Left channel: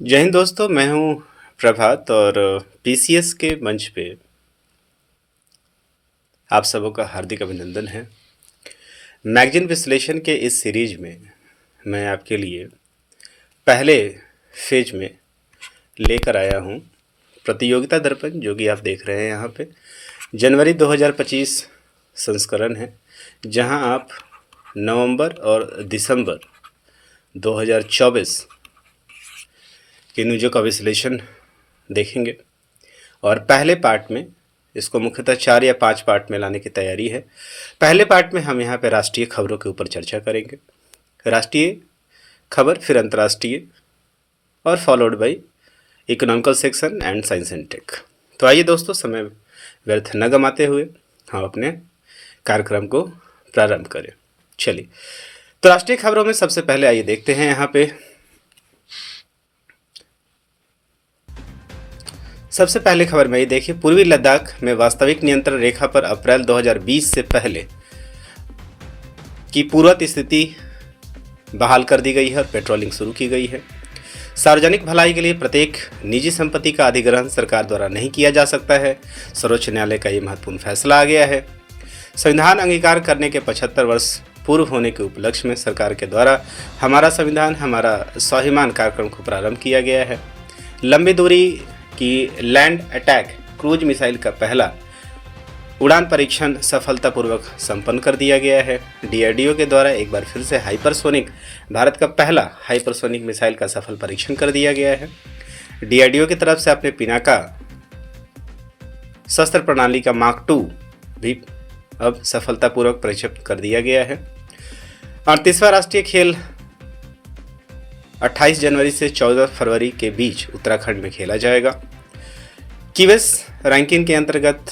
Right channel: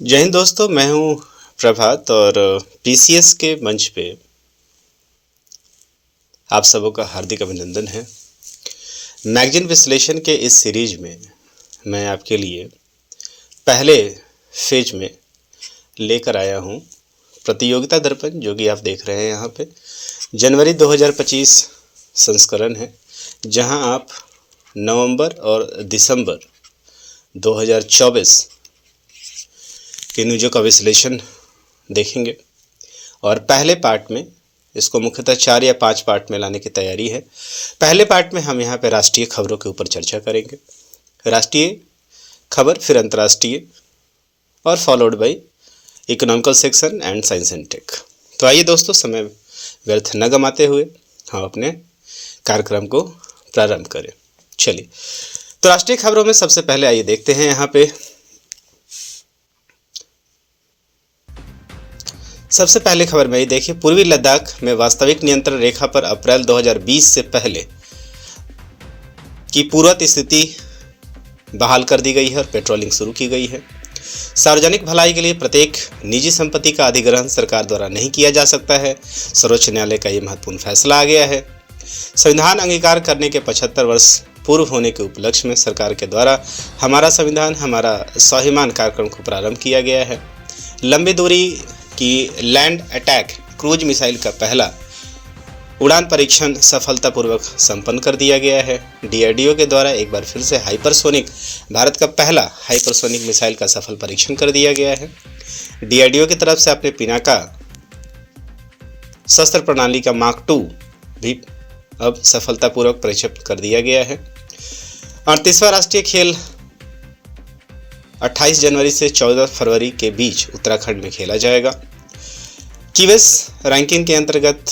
जय हिंद दोस्तों, मैं हूं प्रभात और पीसीएस के मंच पे आप सबों का हार्दिक अभिनंदन है। मैगजीन विश्लेषण के इस सीरीज में मैं आपके लिए पहले फेज में लेकर आया हूं प्रतियोगिता दर्पण, जो कि आप देख रहे हैं यहाँ पे जनवरी 2025 संस्करण है, जहां आप नवंबर और दिसंबर 2024 के न्यूज़ों का विश्लेषण देखेंगे। और पहले पार्ट में इसको मुख्यतः 4 या 5 पार्ट में लाने की तैयारी है। पहले पार्ट में हम यहाँ पे राष्ट्रीय खबरों के ऊपर चर्चा करेंगे, राष्ट्रीय खबर, फिर अंतर्राष्ट्रीय और followed by economical section and science and tech. तो आइए दोस्तों, समय व्यर्थ न गमाते हुए हम अपने कार्यक्रम को प्रारंभ करें। चलिए, तो राष्ट्रीय खबरों में सबसे पहले आइए देखते हैं यहाँ पे सबसे पहले खबर में ये देखिए, पूर्वी लद्दाख में वास्तविक नियंत्रण रेखा पर अप्रैल 2020 से पहले की पूर्ववत स्थिति बहाल कर दी गई है और पेट्रोलिंग शुरू की गई है। सार्वजनिक भलाई के लिए प्रत्येक निजी संपत्ति का अधिग्रहण सरकार द्वारा नहीं किया जा सकता है। सर्वोच्च न्यायालय का ये महत्वपूर्ण फैसला आ गया है। संविधान अंगीकार करने के 75 वर्ष पूर्व होने के उपलक्ष्य में सरकार के द्वारा हमारा संविधान हमारा स्वाभिमान कार्यक्रम को प्रारंभ किया गया है। लंबी दूरी कि लैंड अटैक क्रूज मिसाइल का पहला उड़ान परीक्षण सफलतापूर्वक संपन्न कर दिया गया है। डीआरडीओ के द्वारा एक बार फिर से हाइपरसोनिक, भारत का पहला हाइपरसोनिक मिसाइल का सफल परीक्षण कर दिया गया है। डीआरडीओ की तरफ से अपने पिनाका शस्त्र प्रणाली का मार्क 2 भी अब सफलतापूर्वक परीक्षण कर दिया गया है। 38वां राष्ट्रीय खेल 28 जनवरी से 14 फरवरी के बीच उत्तराखंड में खेला जाएगा। कीवेस रैंकिंग के अंतर्गत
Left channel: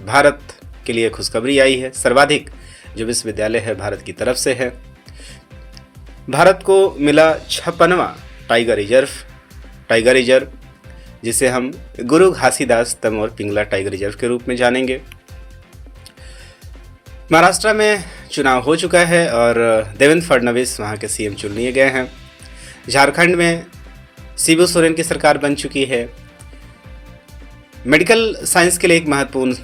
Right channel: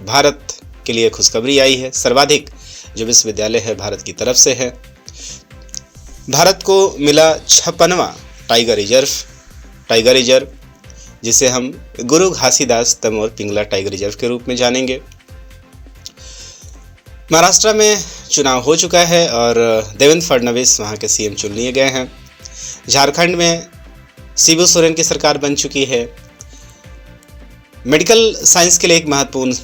भारत के लिए खुशखबरी आई है। सर्वाधिक जो विश्वविद्यालय है भारत की तरफ से है। भारत को मिला 56वां टाइगर रिजर्व, जिसे हम गुरु घासीदास तमोर पिंगला टाइगर रिजर्व के रूप में जानेंगे। महाराष्ट्र में चुनाव हो चुका है और देवेंद्र फडणवीस वहां के सीएम चुन लिए गए हैं। झारखंड में शिबू सोरेन की सरकार बन चुकी है। मेडिकल साइंस के लिए एक महत्वपूर्ण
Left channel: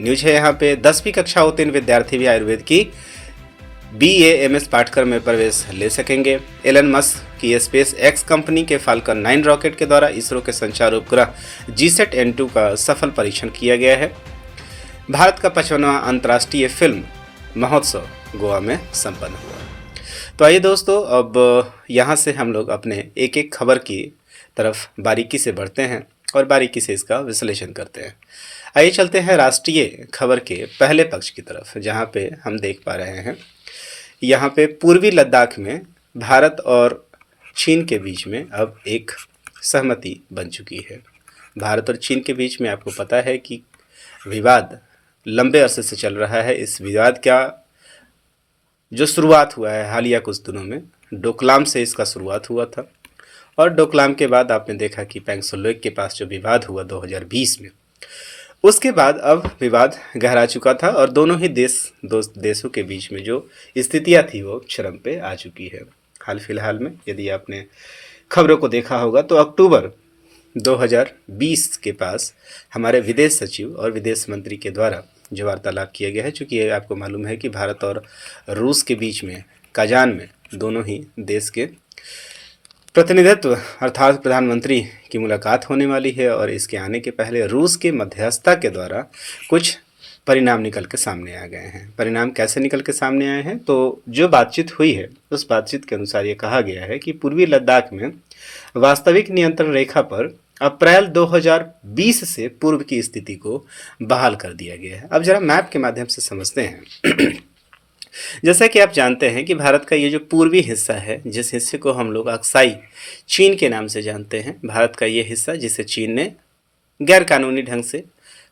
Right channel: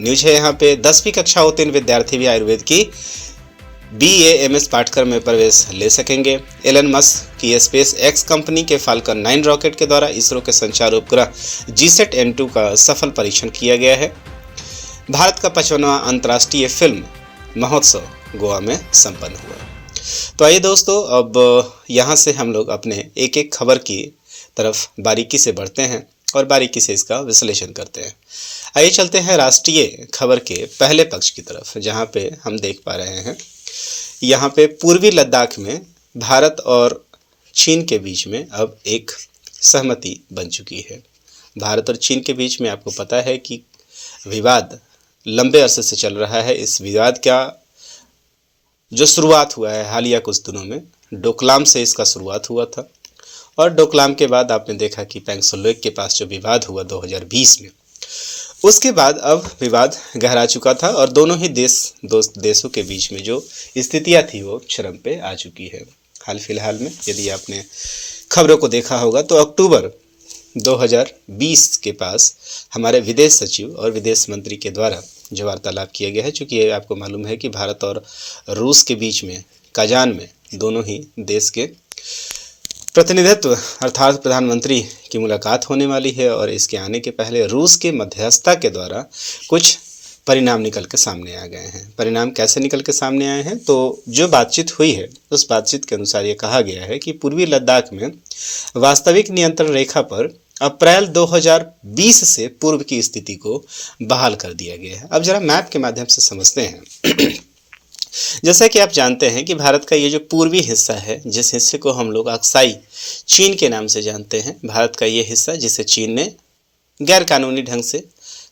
न्यूज है यहाँ पे। 10वीं कक्षा उत्तीर्ण विद्यार्थी भी आयुर्वेद की BA-MS पाठ्यक्रम में प्रवेश ले सकेंगे। एलन मस्क की स्पेस एक्स कंपनी के फाल्कन 9 रॉकेट के द्वारा इसरो के संचार उपग्रह GSAT N2 का सफल परीक्षण किया गया है। भारत का 55वां अंतर्राष्ट्रीय फिल्म महोत्सव गोवा में संपन्न हुआ। तो आइए दोस्तों, अब यहाँ से हम लोग अपने एक एक खबर की तरफ बारीकी से बढ़ते हैं और बारीकी से इसका विश्लेषण करते हैं। आइए चलते हैं राष्ट्रीय खबर के पहले पक्ष की तरफ, जहाँ पे हम देख पा रहे हैं यहाँ पे पूर्वी लद्दाख में भारत और चीन के बीच में अब एक सहमति बन चुकी है। भारत और चीन के बीच में आपको पता है कि विवाद लंबे अरसे से चल रहा है। इस विवाद का जो शुरुआत हुआ है हालिया कुछ दिनों में, डोकलाम से इसका शुरुआत हुआ था और डोकलाम के बाद आपने देखा कि पैंगसोलेक के पास जो विवाद हुआ 2020 में, उसके बाद अब विवाद गहरा चुका था और दोनों ही देशों के बीच में जो स्थितियां थी वो चरम पे आ चुकी है। हाल फिलहाल में यदि आपने खबरों को देखा होगा तो अक्टूबर 2020 के पास हमारे विदेश सचिव और विदेश मंत्री के द्वारा जो वार्तालाप किया गया है, चूँकि ये आपको मालूम है कि भारत और रूस के बीच में काजान में दोनों ही देश के प्रतिनिधित्व अर्थात प्रधानमंत्री की मुलाकात होने वाली है और इसके आने के पहले रूस के मध्यस्थता के द्वारा कुछ परिणाम निकल के सामने आ गए हैं। परिणाम कैसे निकल के सामने आए हैं, तो जो बातचीत हुई है उस बातचीत के अनुसार ये कहा गया है कि पूर्वी लद्दाख में वास्तविक नियंत्रण रेखा पर अप्रैल 2020 से पूर्व की स्थिति को बहाल कर दिया गया है। अब जरा मैप के माध्यम से समझते हैं। जैसा कि आप जानते हैं कि भारत का ये जो पूर्वी हिस्सा है, जिस हिस्से को हम लोग अक्साई चीन के नाम से जानते हैं, भारत का ये हिस्सा जिसे चीन ने गैरकानूनी ढंग से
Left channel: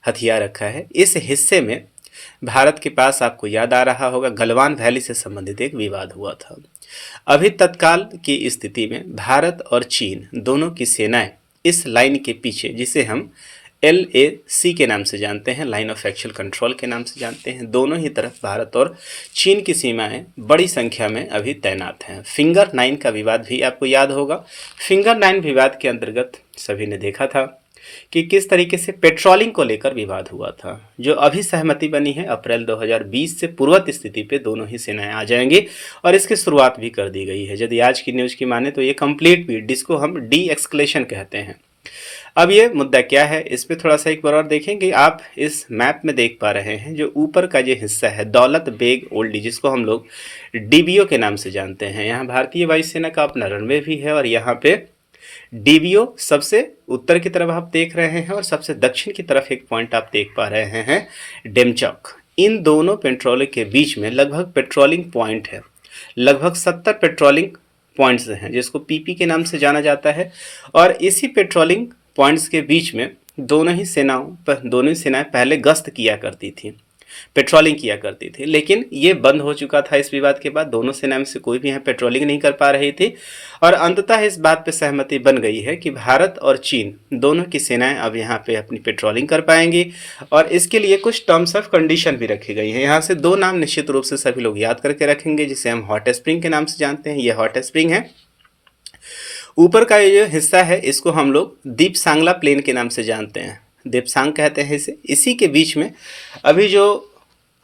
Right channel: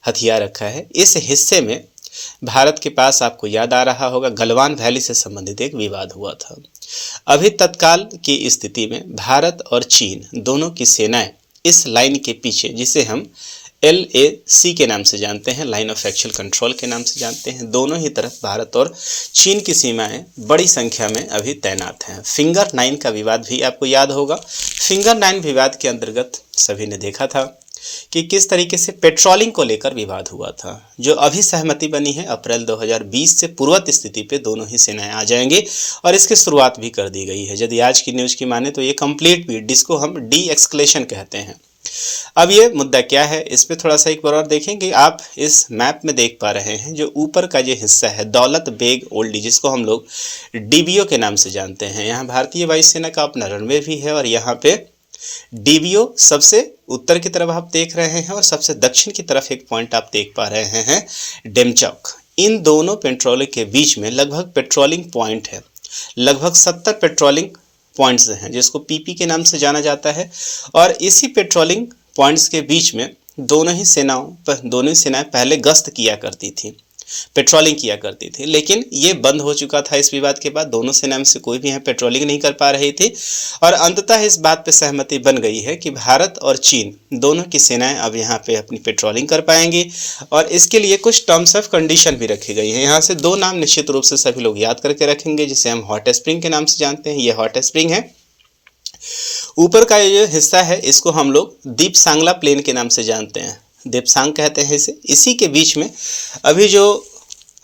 हथिया रखा है, इस हिस्से में भारत के पास आपको याद आ रहा होगा गलवान वैली से संबंधित एक विवाद हुआ था। अभी तत्काल की स्थिति में भारत और चीन दोनों की सेनाएं इस लाइन के पीछे, जिसे हम LAC के नाम से जानते हैं, लाइन ऑफ एक्चुअल कंट्रोल के नाम से जानते हैं। दोनों ही तरफ भारत और चीन की सीमाएं बड़ी संख्या में अभी तैनात हैं। फिंगर 9 का विवाद भी आपको याद होगा। फिंगर 9 विवाद के अंतर्गत सभी ने देखा था कि किस तरीके से पेट्रोलिंग को लेकर विवाद हुआ था। जो अभी सहमति बनी है, अप्रैल 2020 से पूर्ववत स्थिति पे दोनों ही सेनाएं आ जाएंगी और इसकी शुरुआत भी कर दी गई है। यदि आज की न्यूज़ की माने तो ये कंप्लीट पीस, जिसको हम डी एक्सक्लेशन कहते हैं। अब ये मुद्दा क्या है, इस पे थोड़ा सा एक बार और देखेंगे। आप इस मैप में देख पा रहे हैं जो ऊपर का ये हिस्सा है, दौलत बेग ओल्डी, जिसको हम लोग DBO के नाम से जानते हैं। यहाँ भारतीय वायुसेना का अपना रनवे भी है और यहाँ पे DBO सबसे उत्तर की तरफ आप देख रहे हैं और सबसे दक्षिण की तरफ एक पॉइंट आप देख पा रहे हैं, डेमचौक। इन दोनों पेट्रोलिंग के बीच में लगभग पेट्रोलिंग पॉइंट है, लगभग 70 पेट्रोलिंग पॉइंट्स हैं, जिसको PP के नाम से जाना जाता है। और इसी पेट्रोलिंग पॉइंट्स के बीच में दोनों ही सेनाएं पहले गश्त किया करती थी, पेट्रोलिंग किया करती थी, लेकिन ये बंद हो चुका था इस विवाद के बाद। दोनों सेनाओं में से कोई भी यहाँ पेट्रोलिंग नहीं कर पा रही थी और अंततः इस बात पे सहमति बन गई है कि भारत और चीन दोनों की सेनाएं अब यहाँ पे अपनी पेट्रोलिंग कर पाएंगी और इसके लिए कुछ टर्म्स ऑफ कंडीशन भी रखी गई है। यहाँ से दो नाम निश्चित रूप से सभी लोग याद करके रखेंगे, जिसे हम हॉट स्प्रिंग के नाम से जानते हैं। ये हॉट स्प्रिंग है। ऊपर का ये हिस्सा है, इसको हम लोग दीप सांगला प्लेन के नाम से जानते हैं, देपसांग कहते हैं इसे। इसी के बीच में अभी जो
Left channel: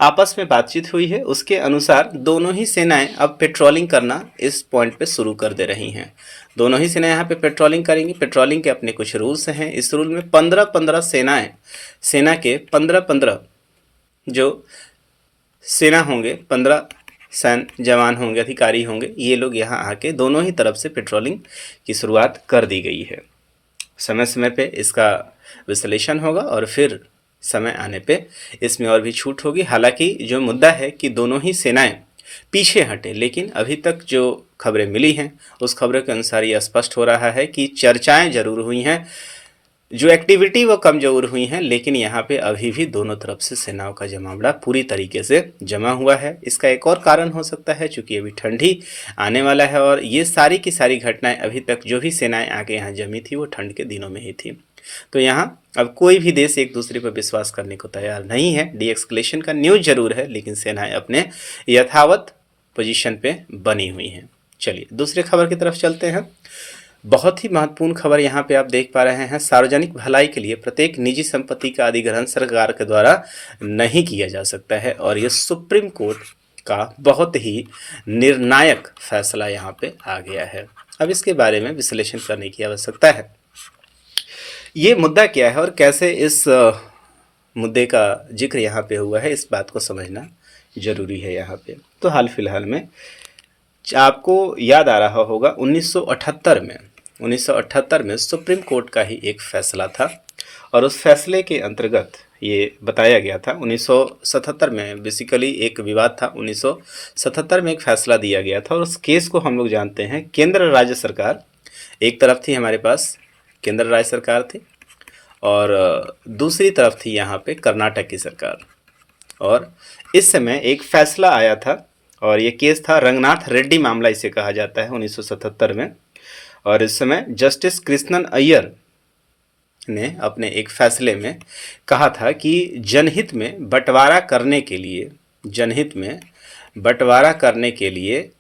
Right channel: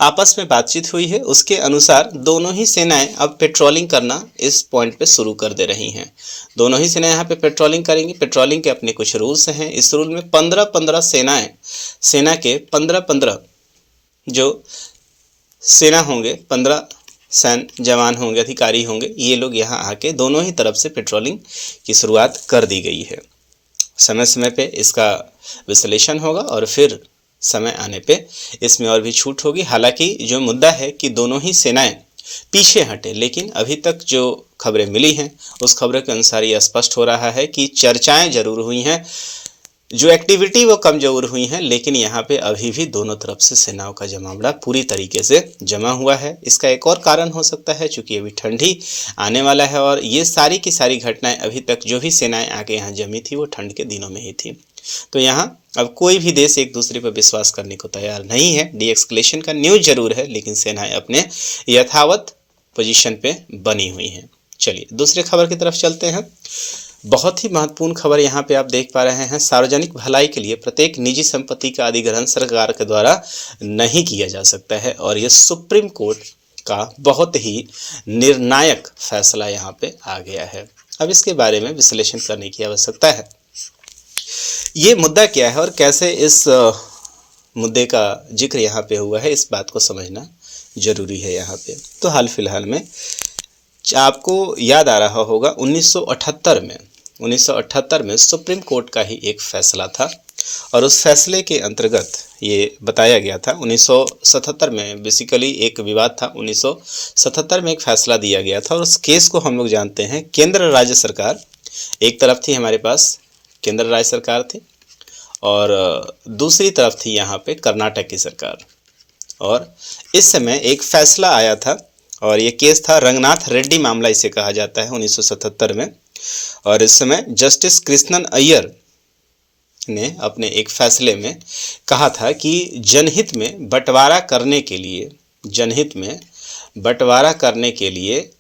आपस में बातचीत हुई है उसके अनुसार दोनों ही सेनाएं अब पेट्रोलिंग करना इस पॉइंट पे शुरू कर दे रही हैं। दोनों ही सेनाएं यहाँ पे पेट्रोलिंग करेंगी। पेट्रोलिंग के अपने कुछ रूल्स हैं। इस रूल में 15-15 सेना के 15-15 जो सेना होंगे, 15 सैन्य जवान होंगे, अधिकारी होंगे, ये लोग यहाँ आके दोनों ही तरफ से पेट्रोलिंग की शुरुआत कर दी गई है। समय समय पे इसका विश्लेषण होगा और फिर समय आने पे इसमें और भी छूट होगी। हालांकि जो मुद्दा है कि दोनों ही सेनाएं पीछे हटे, लेकिन अभी तक जो खबरें मिली हैं उस खबरों के अनुसार ये स्पष्ट हो रहा है कि चर्चाएं जरूर हुई हैं, जो एक्टिविटी वो कम जरूर हुई हैं, लेकिन यहाँ पे अभी भी दोनों तरफ से सेनाओं का जमावड़ा पूरी तरीके से जमा हुआ है। इसका एक और कारण हो सकता है चूँकि अभी ठंडी आने वाला है और ये सारी की सारी घटनाएं अभी तक जो भी सेनाएं आके यहाँ जमी थी वो ठंड के दिनों में ही थी। तो यहाँ अब कोई भी देश एक दूसरे पर विश्वास करने को तैयार नहीं है। डी एक्सक्लेशन का न्यूज़ जरूर है, लेकिन सेनाएं अपने यथावत पोजीशन पे बनी हुई हैं। चलिए दूसरे खबर की तरफ चलते हैं। बहुत ही महत्वपूर्ण खबर यहाँ पे आप देख पा रहे हैं। सार्वजनिक भलाई के लिए प्रत्येक निजी संपत्ति का अधिग्रहण सरकार के द्वारा नहीं किया जा सकता है और ये सुप्रीम कोर्ट का बहुत ही निर्णायक फैसला यहाँ पे आ गया है। अब इसके बारे में विश्लेषण करने की आवश्यकता है। ये मुद्दा क्या है और कैसे इस मुद्दे का जिक्र यहाँ पे हुआ है, इस बात को समझना जरूरी है यहाँ पे। तो हाल फिलहाल में आपको याद आ रहा होगा 1978 में सुप्रीम कोर्ट का ही एक फैसला था और उस फैसले के अंतर्गत ये बताया गया था। 1977 में बेसिकली एक विवाद था। 1977 में एक फैसला दिया गया था और उस केस को हम लोग जानते हैं। केंद्र राज्य सरकार एक तरफ थी, हमारे पास केंद्र राज्य सरकार थी और दूसरी तरफ थी यहाँ पे कर्नाटक की सरकार। और इस समय एक फैसला आया था और ये केस था रंगनाथ रेड्डी मामला, इसे कहा जाता है, 1977 में। और इस समय जस्टिस कृष्णन अय्यर ने अपने एक फैसले में कहा था कि जनहित में बंटवारा करने के लिए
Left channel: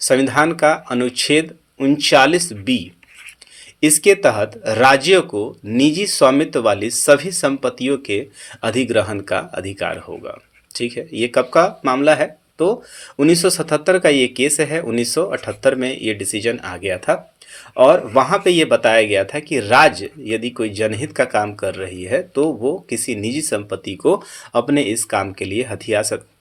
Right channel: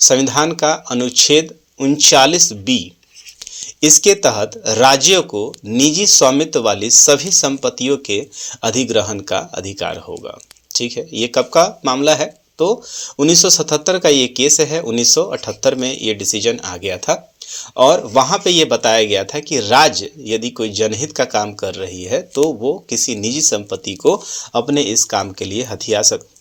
संविधान का अनुच्छेद 39B, इसके तहत राज्यों को निजी स्वामित्व वाली सभी संपत्तियों के अधिग्रहण का अधिकार होगा। ठीक है, ये कब का मामला है? तो 1977 का ये केस है। 1978 में ये डिसीजन आ गया था और वहाँ पे ये बताया गया था कि राज्य यदि कोई जनहित का काम कर रही है तो वो किसी निजी संपत्ति को अपने इस काम के लिए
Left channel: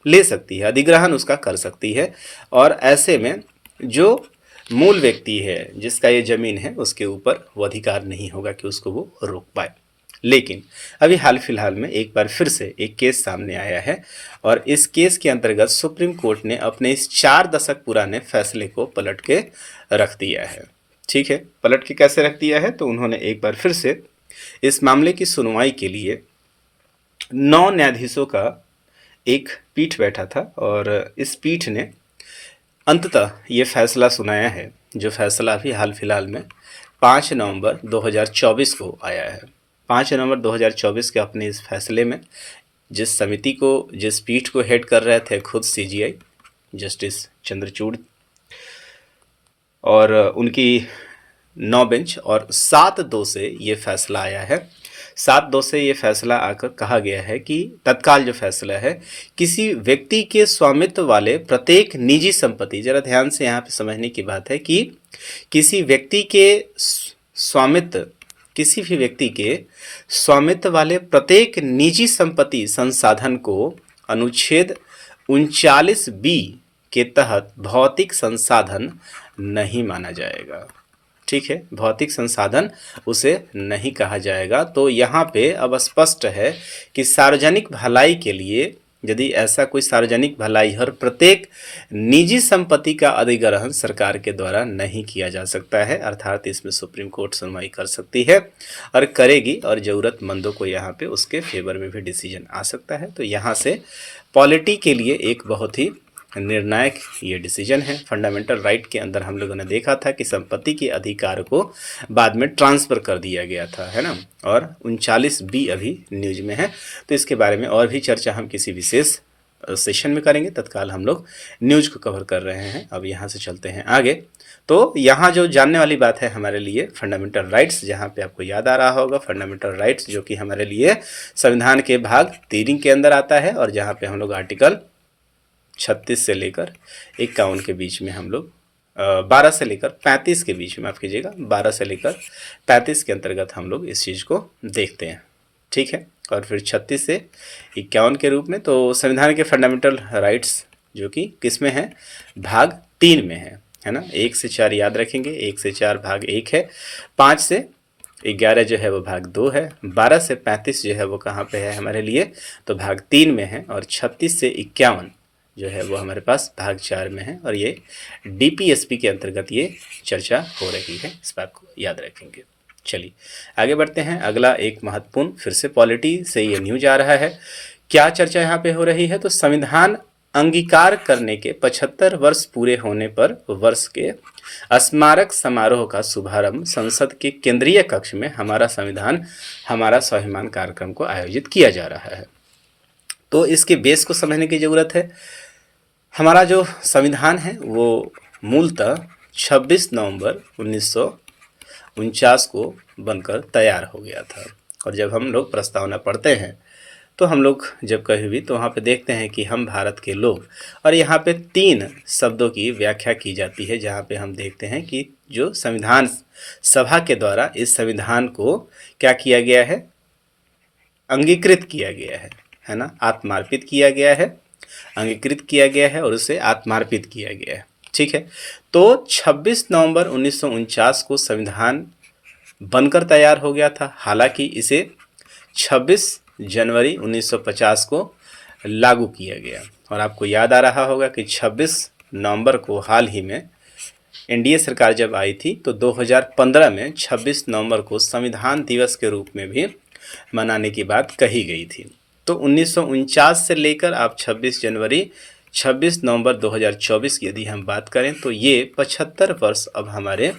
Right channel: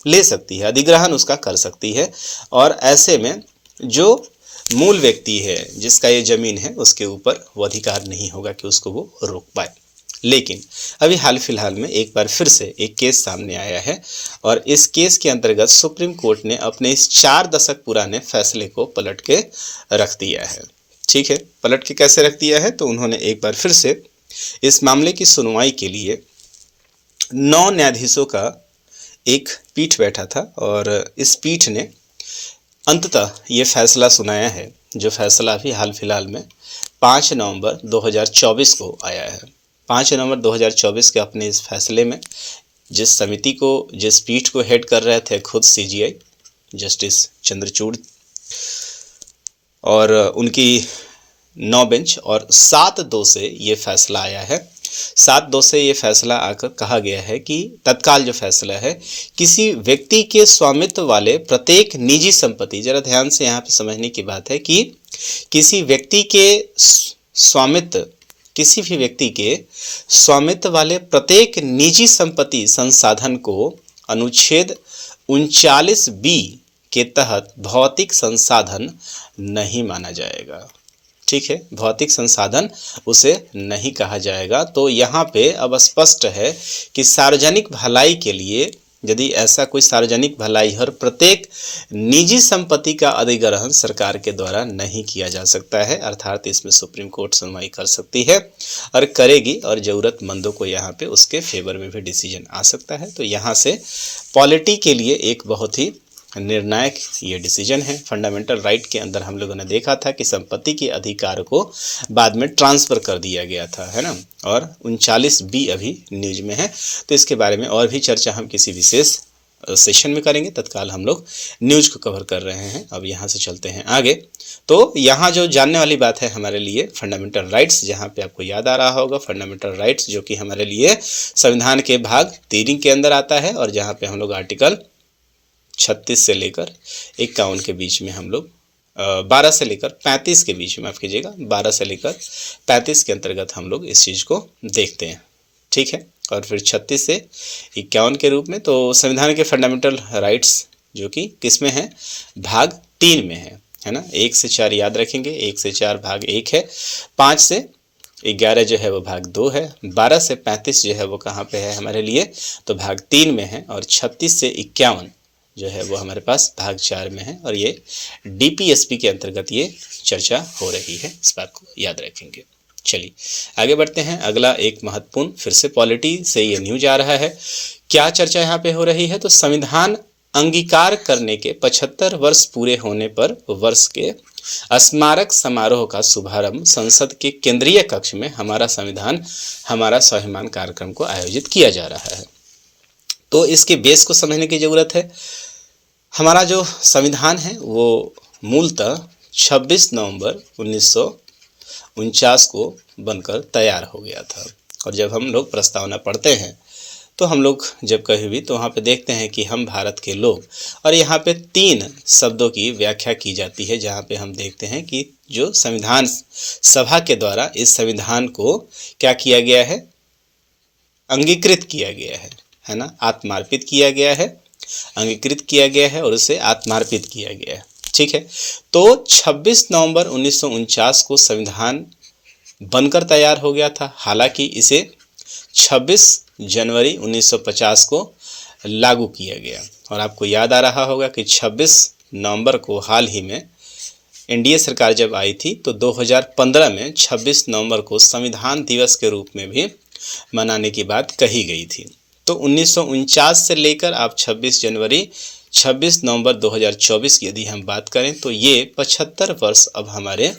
ले सकती है, अधिग्रहण उसका कर सकती है। और ऐसे में जो मूल व्यक्ति है जिसका ये ज़मीन है उसके ऊपर वो अधिकार नहीं होगा कि उसको वो रोक पाए। लेकिन अभी हाल फिलहाल में एक बार फिर से एक केस सामने आया है और इस केस के अंतर्गत सुप्रीम कोर्ट ने अपने इस 4 दशक पुराने फैसले को पलट के रख दिया है। ठीक है, पलट के कैसे रख दिया है? तो उन्होंने एक बार फिर से इस मामले की सुनवाई के लिए 9 न्यायाधीशों का एक पीठ बैठा था और इस पीठ ने अंततः ये फैसला सुनाया है, जो फैसला अभी हाल फिलहाल में 5 नवंबर 2024 को आया है। 5 नवंबर 2024 के अपने इस फैसले में जिस पीठ को हेड कर रहे थे खुद सीजीआई जस्टिस चंद्रचूड़ और उनकी 9 बेंच और 7-2 से ये फैसला आया है। 7-2 से ये फैसला आकर कहा गया है कि तत्काल जो फैसला है, किसी व्यक्ति के स्वामित्व वाले प्रत्येक निजी संपत्ति, जरा ध्यान से यहाँ पे समझने की बात है कि किसी व्यक्ति के स्वामित्व, किसी भी व्यक्ति के स्वामित्व वाले प्रत्येक निजी संपत्ति संसाधन को अनुच्छेद 39B के तहत भौतिक संसाधन नहीं माना जाएगा। ठीक है, भौतिक संसाधन उसे नहीं कहा जाएगा। तो यहाँ पे अब स्पष्ट है कि सार्वजनिक भलाई के लिए यदि ऐसा कोई सार्वजनिक भलाई और प्रत्येक निजी संपत्ति का अधिग्रहण सरकार के द्वारा नहीं किया जा सकता है, अर्थात इसमें सुप्रीम कोर्ट सुनवाई कर सकती है और करेगी और ज़रूरतमंदों को यहाँ पे उसके फेवर में भी डिसीजन आ सकता है। तो यहाँ से पॉलिटी के लिए एक बहुत ही निर्णायक ये डिसीजन है। फंडामेंटल राइट के अंदर हम लोगों ने देखा था कि संपत्ति के अधिकार को बाद में ट्रांसफ़र कर दिया गया था, है ना, और 39B अभी न्यूज में है। तो इसके बारे में और भी चर्चा हम किसी विशेष सेशन में करेंगे, तत्काल हम लोग न्यूज को कवर कर रहे हैं। अब यहाँ से चलते हैं आगे। तो यहाँ जो जानने वाली बात है हमारे लिए फंडामेंटल राइट्स, जहाँ पे आपको याद आ रहा होगा फंडामेंटल राइट्स जो कि हमारे लिए संविधान के भाग 3 के अंदर आता है और जहाँ पे हम लोग आर्टिकल 36 से लेकर 51 के बीच में हम लोग 12 से लेकर 35 के बीच में, माफ़ कीजिएगा, 12 से लेकर 35 के अंतर्गत हम लोग इस चीज़ को देखते हैं। ठीक है, और फिर 36 से 51 के रूप में। तो संविधान के फंडामेंटल राइट्स जो कि किस में है, भाग 3 में है ना। 1 से 4 याद रखेंगे, 1 से 4 भाग 1 है, 5 से 11 जो है वो भाग 2 है, 12 से 35 जो है वो कहाँ पे है हमारे लिए, तो भाग 3 में है, और 36 से 51 जो है वो हमारे पास भाग 4 में है। और ये DPSP के अंतर्गत ये चर्चा हो रही है, इस बात को याद रखेंगे। चलिए आगे बढ़ते हैं। अगला एक महत्वपूर्ण फिर से पॉलिटी से ये न्यूज आ रहा है। क्या चर्चा यहाँ पे हो रही है, तो संविधान अंगीकार करने के 75 वर्ष पूरे होने पर वर्ष के स्मारक समारोह का शुभारंभ संसद के केंद्रीय कक्ष में हमारा संविधान हमारा स्वाभिमान कार्यक्रम को आयोजित किया जा रहा है। तो इसके बेस को समझने की ज़रूरत है। हमारा जो संविधान है वो मूलतः 26 नवंबर 1949 को बनकर तैयार हो गया था। और जब हम लोग प्रस्तावना पढ़ते हैं तो हम लोग जब कहीं भी तो वहाँ पे देखते हैं कि हम भारत के लोग, और यहाँ पे 3 शब्दों की व्याख्या की जाती है, जहाँ पे हम देखते हैं कि जो संविधान सभा के द्वारा इस संविधान को क्या किया गया है, अंगीकृत किया गया है ना, आत्मार्पित किया गया है, अंगीकृत किया गया है और उसे आत्मार्पित किया गया है। ठीक है, तो 26 नवंबर 1949 को संविधान बनकर तैयार हो गया था। हालांकि इसे 26 जनवरी 1950 को लागू किया गया। और आपको याद आ रहा होगा कि 26 नवंबर को हाल ही में एनडीए सरकार जब आई थी तो 2015 में 26 नवंबर को संविधान दिवस के रूप में भी मनाने की बात कही गई थी। तो 1949 से लेकर आप 26 नवंबर 2024 की यदि हम बात करें तो ये 75 वर्ष अब हमारे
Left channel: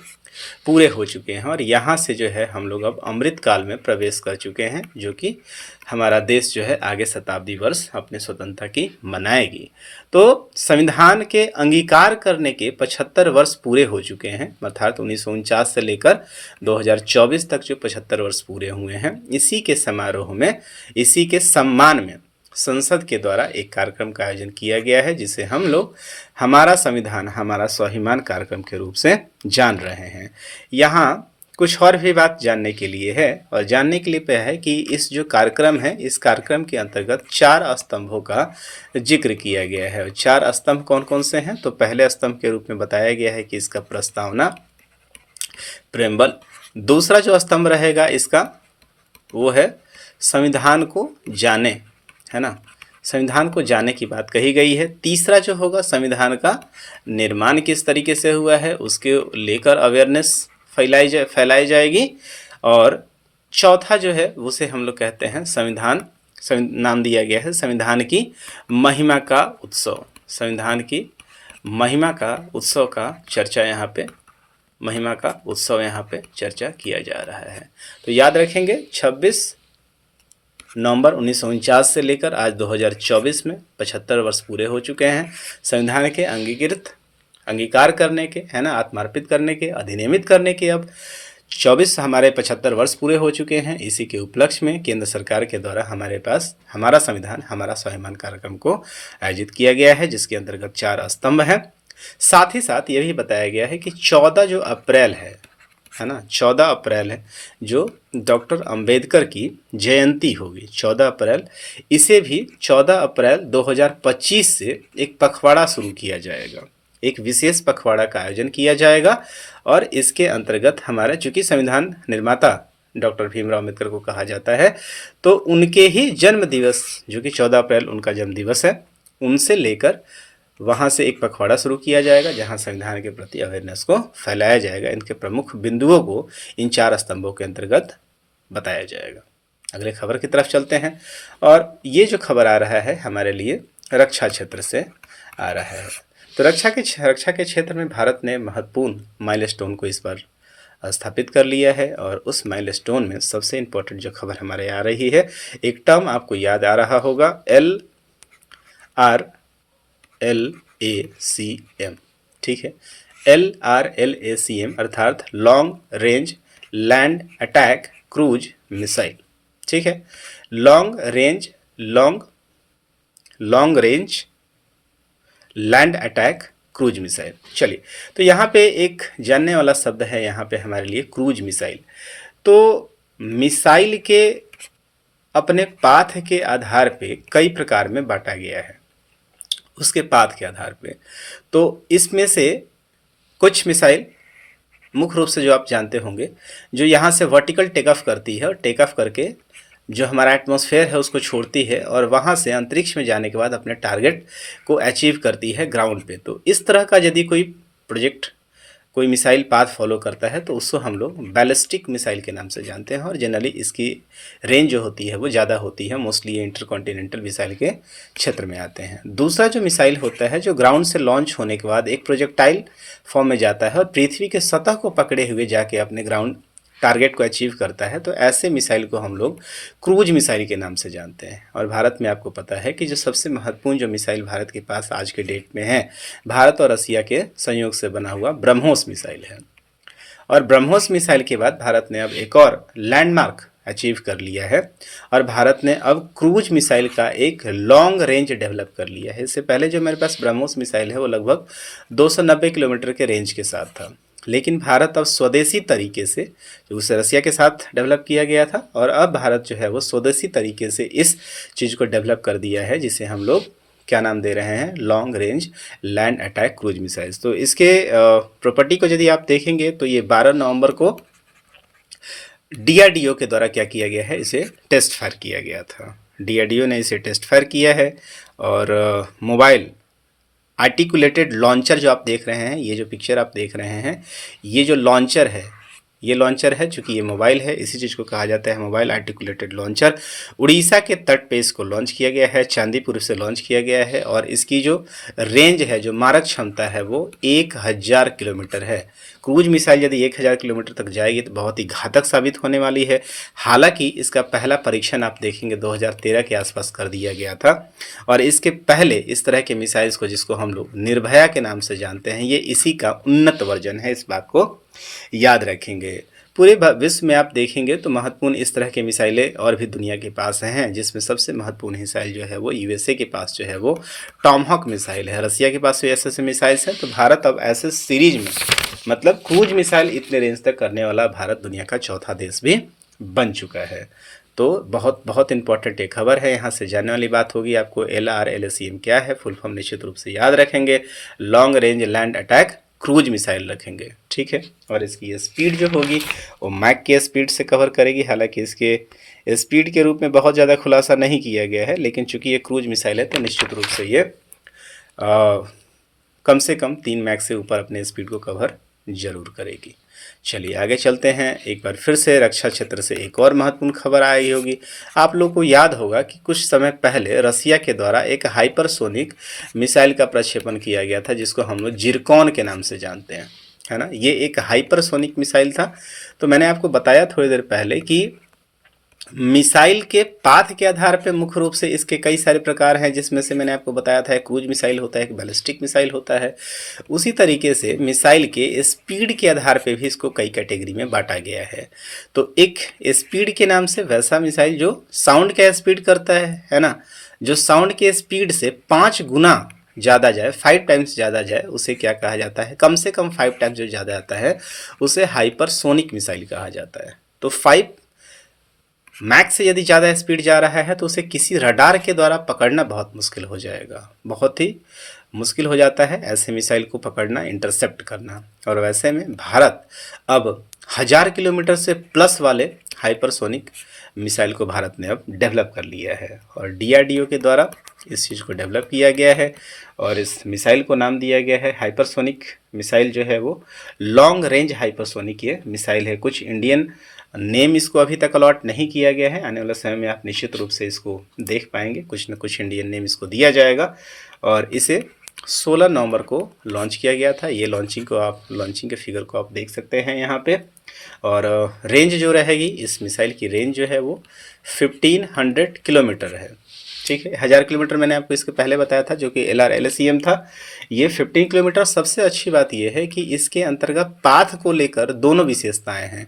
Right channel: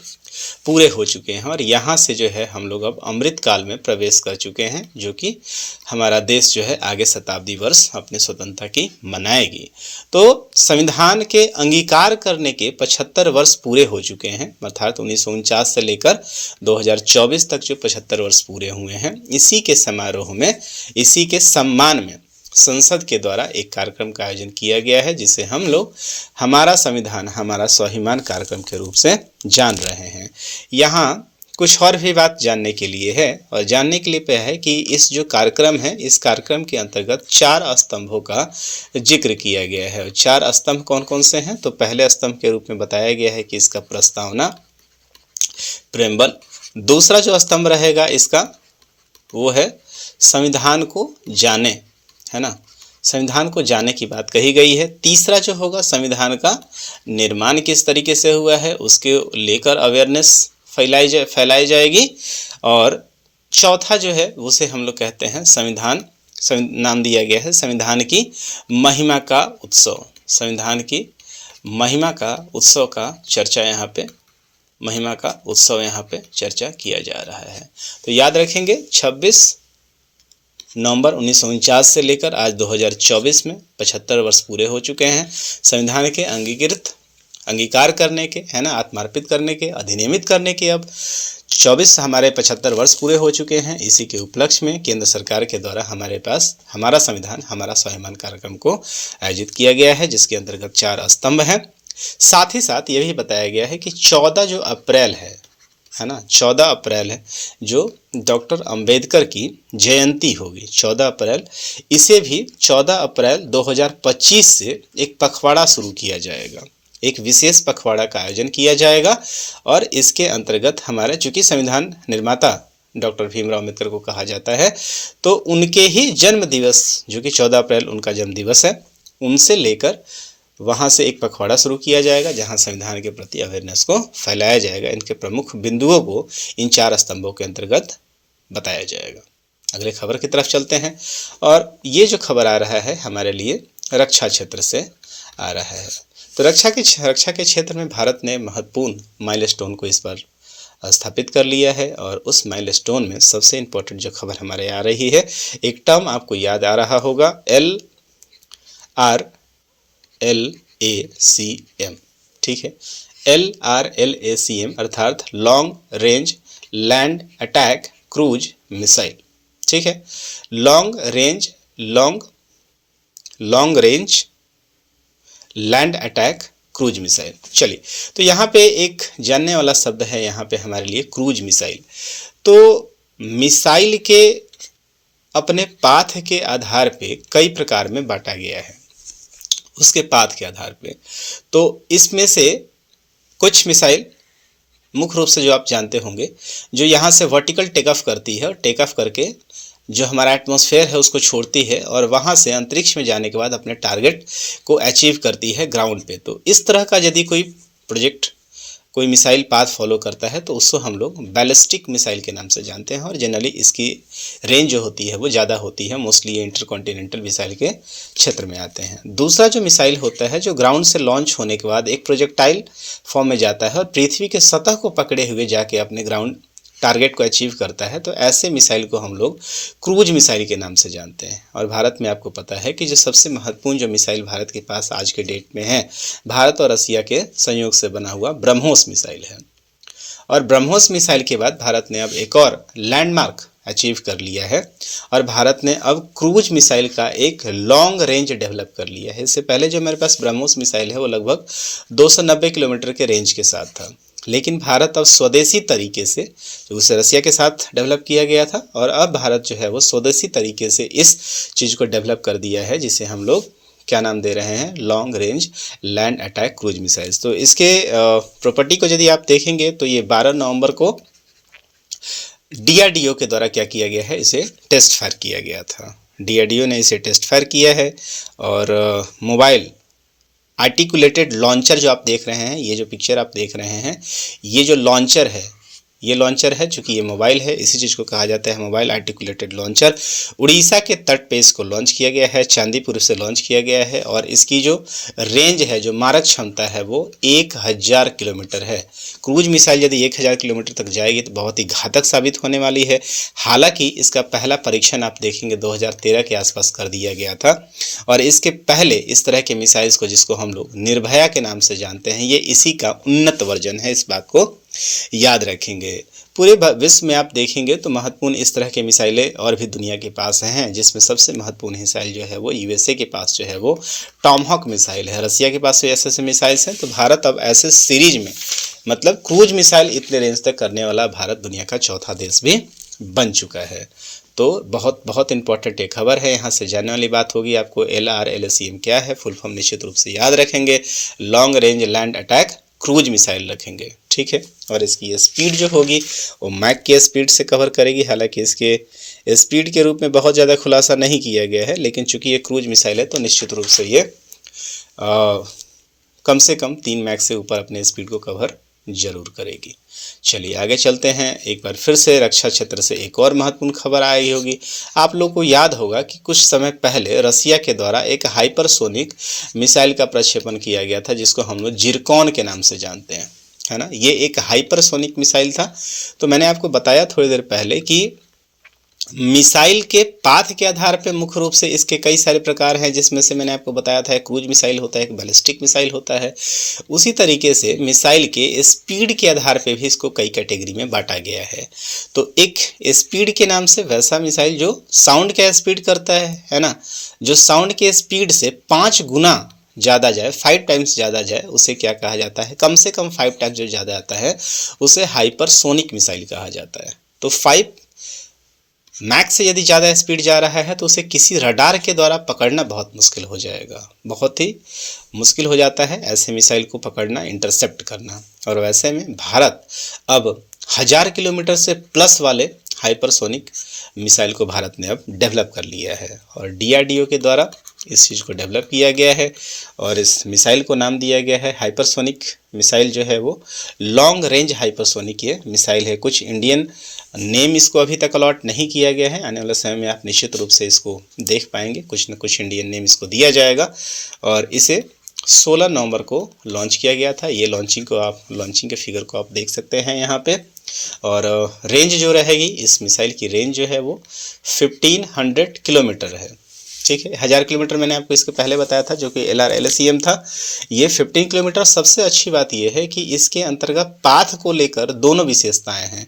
पूरे हो चुके हैं। और यहाँ से जो है हम लोग अब अमृत काल में प्रवेश कर चुके हैं, जो कि हमारा देश जो है आगे शताब्दी वर्ष अपने स्वतंत्रता की मनाएगी। तो संविधान के अंगीकार करने के 75 वर्ष पूरे हो चुके हैं, अर्थात 1949 से लेकर 2024 तक जो 75 वर्ष पूरे हुए हैं। इसी के समारोह में, इसी के सम्मान में संसद के द्वारा एक कार्यक्रम का आयोजन किया गया है, जिसे हम लोग हमारा संविधान हमारा स्वाभिमान कार्यक्रम के रूप से जान रहे हैं। यहाँ कुछ और भी बात जानने के लिए है, और जानने के लिए है कि इस जो कार्यक्रम है, इस कार्यक्रम के अंतर्गत 4 स्तंभों का जिक्र किया गया है। 4 स्तंभ कौन कौन से हैं, तो पहले स्तंभ के रूप में बताया गया है कि इसका प्रस्तावना, प्रेम्बल। दूसरा जो स्तंभ रहेगा इसका वो है संविधान को जाने, है ना, संविधान को जाने की बात कही गई है। तीसरा जो होगा संविधान का निर्माण किस तरीके से हुआ है उसके लेकर अवेयरनेस फैलाई जाएगी। और चौथा जो है उसे हम लोग कहते हैं नाम दिया गया है संविधान की महिमा का उत्सव। संविधान की महिमा का उत्सव का चर्चा यहाँ पे महिमा का उत्सव यहाँ पे चर्चा किया जा रहा है। तो याद रखेंगे 26 नवंबर 1949 से लेकर आज 2024 में 75 वर्ष पूरे हो चुके हैं संविधान के अंगीकार करने के, है ना, आत्मार्पित करने के, अधिनियमित करने के। अब 24 हमारे 75 वर्ष पूरे हो चुके हैं। इसी के उपलक्ष्य में केंद्र सरकार के द्वारा हमारे पास हमारा संविधान हमारा स्वाभिमान कार्यक्रम को आयोजित किया गया है, जिसके अंतर्गत 4 स्तंभ हैं। साथ ही साथ ये भी बताया गया है कि 14 जो अप्रैल है ना, 14 अप्रैल है जो डॉक्टर अंबेडकर की जयंती होगी, 14 अप्रैल, इसे भी 14 अप्रैल 2025 से एक पखवाड़ा शुरू किया जाएगा, एक विशेष पखवाड़ा का आयोजन किया जाएगा। और इसके अंतर्गत हमारे चूँकि संविधान निर्माता डॉक्टर भीमराव अम्बेडकर को कहा जाता है, तो उनके ही जन्म दिवस जो कि 14 अप्रैल उनका जन्म दिवस है, उनसे लेकर वहाँ से एक पखवाड़ा शुरू किया जाएगा जहाँ संविधान के प्रति अवेयरनेस को फैलाया जाएगा। इनके प्रमुख बिंदुओं को इन 4 स्तंभों के अंतर्गत बताया जाएगा। अगले खबर की तरफ चलते हैं, और ये जो खबर आ रहा है हमारे लिए रक्षा क्षेत्र से आ रहा है। तो रक्षा के क्षेत्र में भारत ने महत्वपूर्ण माइलस्टोन को इस बार स्थापित कर लिया है, और उस माइलस्टोन में सबसे इम्पोर्टेंट जो खबर हमारे आ रही है, एक टर्म आपको याद आ रहा होगा, LRLACM, ठीक है, LRLACM अर्थात long range land attack cruise missile, ठीक है, long range land attack cruise missile. चलिए, तो यहाँ पे एक जानने वाला शब्द है यहाँ पे हमारे लिए क्रूज मिसाइल। तो मिसाइल के अपने पाथ के आधार पे कई प्रकार में बांटा गया है, उसके पाथ के आधार पे। तो इसमें से कुछ मिसाइल मुख्य रूप से जो आप जानते होंगे, जो यहाँ से वर्टिकल टेक ऑफ करती है और टेक ऑफ करके जो हमारा एटमॉस्फेयर है उसको छोड़ती है, और वहाँ से अंतरिक्ष में जाने के बाद अपने टारगेट को अचीव करती है ग्राउंड पे। तो इस तरह का यदि कोई प्रोजेक्ट, कोई मिसाइल पाथ फॉलो करता है तो उसको हम लोग बैलिस्टिक मिसाइल के नाम से जानते हैं, और जनरली इसकी रेंज जो होती है वो ज़्यादा होती है। मोस्टली ये इंटरकॉन्टिनेंटल मिसाइल के क्षेत्र में आते हैं। दूसरा जो मिसाइल होता है जो ग्राउंड से लॉन्च होने के बाद एक प्रोजेक्टाइल फॉर्म में जाता है और पृथ्वी के सतह को पकड़े हुए जाके अपने ग्राउंड टारगेट को अचीव करता है, तो ऐसे मिसाइल को हम लोग क्रूज मिसाइल के नाम से जानते हैं। और भारत में आपको पता है कि जो सबसे महत्वपूर्ण जो मिसाइल भारत के पास आज के डेट में है, भारत और रसिया के संयोग से बना हुआ ब्रह्मोस मिसाइल है। और ब्रह्मोस मिसाइल के बाद भारत ने अब एक और लैंडमार्क अचीव कर लिया है, और भारत ने अब क्रूज मिसाइल का एक लॉन्ग रेंज डेवलप कर लिया है। इससे पहले जो मेरे पास ब्रह्मोस मिसाइल है वो लगभग 290 किलोमीटर के रेंज के साथ था, लेकिन भारत अब स्वदेशी तरीके से, जो उसे रसिया के साथ डेवलप किया गया था, और अब भारत जो है वो स्वदेशी तरीके से इस चीज़ को डेवलप कर दिया है, जिसे हम लोग क्या नाम दे रहे हैं, long range land attack cruise missiles. तो इसके प्रॉपर्टी को यदि आप देखेंगे तो ये 12 नवंबर को DRDO के द्वारा क्या किया गया है, इसे टेस्ट फायर किया गया था। DRDO ने इसे टेस्ट फायर किया है, और मोबाइल आर्टिकुलेटेड लॉन्चर जो आप देख रहे हैं, ये जो पिक्चर आप देख रहे हैं, ये जो लॉन्चर है, ये लॉन्चर है, चूँकि ये मोबाइल है, इसी चीज़ को कहा जाता है मोबाइल आर्टिकुलेटेड लॉन्चर। उड़ीसा के तट पे इसको लॉन्च किया गया है, चांदीपुर से लॉन्च किया गया है, और इसकी जो रेंज है, जो मारक क्षमता है, वो 1000 किलोमीटर है। क्रूज मिसाइल यदि 1000 किलोमीटर तक जाएगी तो बहुत ही घातक साबित होने वाली है। हालांकि इसका पहला परीक्षण आप देखेंगे 2013 के आसपास कर दिया गया था, और इसके पहले इस तरह के मिसाइल्स को, जिसको हम लोग निर्भया के नाम से जानते हैं, ये इसी का उन्नत वर्जन है। इस बात को याद रखेंगे। पूरे विश्व में आप देखेंगे तो महत्वपूर्ण इस तरह के मिसाइलें और भी दुनिया के पास हैं, जिसमें सबसे महत्वपूर्ण मिसाइल जो है वो USA के पास जो है वो टॉमहॉक मिसाइल है। रसिया के पास ऐसे मिसाइल्स हैं। तो भारत अब ऐसे सीरीज में, मतलब क्रूज मिसाइल इतने रेंज तक करने वाला भारत दुनिया का चौथा देश भी बन चुका है। तो बहुत बहुत इंपॉर्टेंट एक खबर है, यहाँ से जानने वाली बात होगी आपको। LRLACM क्या है, फुल फॉर्म निश्चित रूप से याद रखेंगे, long range land attack cruise missile रखेंगे, ठीक है। और इसकी ये स्पीड जो होगी वो मैक के स्पीड से कवर करेगी। हालांकि इसके स्पीड के रूप में बहुत ज़्यादा खुलासा नहीं किया गया है, लेकिन चूंकि ये क्रूज मिसाइल है तो निश्चित रूप से ये कम से कम 3 मैक से ऊपर अपने स्पीड को कवर जरूर करेगी। चलिए आगे चलते हैं। एक बार फिर से रक्षा क्षेत्र से एक और महत्वपूर्ण खबर आई होगी। आप लोगों को याद होगा कि कुछ समय पहले रसिया के द्वारा एक हाइपरसोनिक मिसाइल का प्रक्षेपण किया गया था, जिसको हम लोग जिरकॉन के नाम से जानते हैं, है ना, ये एक हाइपरसोनिक मिसाइल था। तो मैंने आपको बताया थोड़ी देर पहले कि मिसाइल के पाथ के आधार पे मुख्य रूप से इसके कई सारे प्रकार हैं, जिसमें से मैंने आपको बताया था एक क्रूज मिसाइल होता है, एक बैलिस्टिक मिसाइल होता है। उसी तरीके से मिसाइल के स्पीड के आधार पे भी इसको कई कैटेगरी में बांटा गया है। तो एक स्पीड के नाम से वैसा मिसाइल जो साउंड का स्पीड करता है ना, जो साउंड के स्पीड से 5 गुना ज़्यादा जाए, 5 टाइम्स ज़्यादा जाए, उसे क्या कहा जाता है, कम से कम 5 टाइम्स जो ज़्यादा आता है उसे हाइपरसोनिक मिसाइल कहा जाता है। तो 5 मैक्स से यदि ज़्यादा स्पीड जा रहा है तो उसे किसी रडार के द्वारा पकड़ना बहुत मुश्किल हो जाएगा, बहुत ही मुश्किल हो जाता है ऐसे मिसाइल को पकड़ना, इंटरसेप्ट करना। और वैसे में भारत अब 1000 किलोमीटर से प्लस वाले हाइपरसोनिक मिसाइल को भारत ने अब डेवलप कर लिया है और DRDO के द्वारा इस चीज़ को डेवलप किया गया है और इस मिसाइल को नाम दिया गया है हाइपरसोनिक मिसाइल। जो है वो लॉन्ग रेंज हाइपरसोनिक ये मिसाइल है। कुछ इंडियन नेम इसको अभी तक अलॉट नहीं किया गया है, आने वाले समय में आप निश्चित रूप से इसको देख पाएंगे, कुछ न कुछ इंडियन नेम इसको दिया जाएगा। और इसे 16 नवंबर को लॉन्च किया गया था। ये लॉन्चिंग के फिगर को आप देख सकते हैं यहाँ पे। और रेंज जो रहेगी इस मिसाइल की रेंज जो है वो 1500 किलोमीटर है, ठीक है। 1000 किलोमीटर मैंने आपको इसके पहले बताया था जो कि LRLSEM था। ये 15 किलोमीटर। सबसे अच्छी बात यह है कि इसके अंतर्गत पाथ को लेकर दोनों विशेषताएं हैं।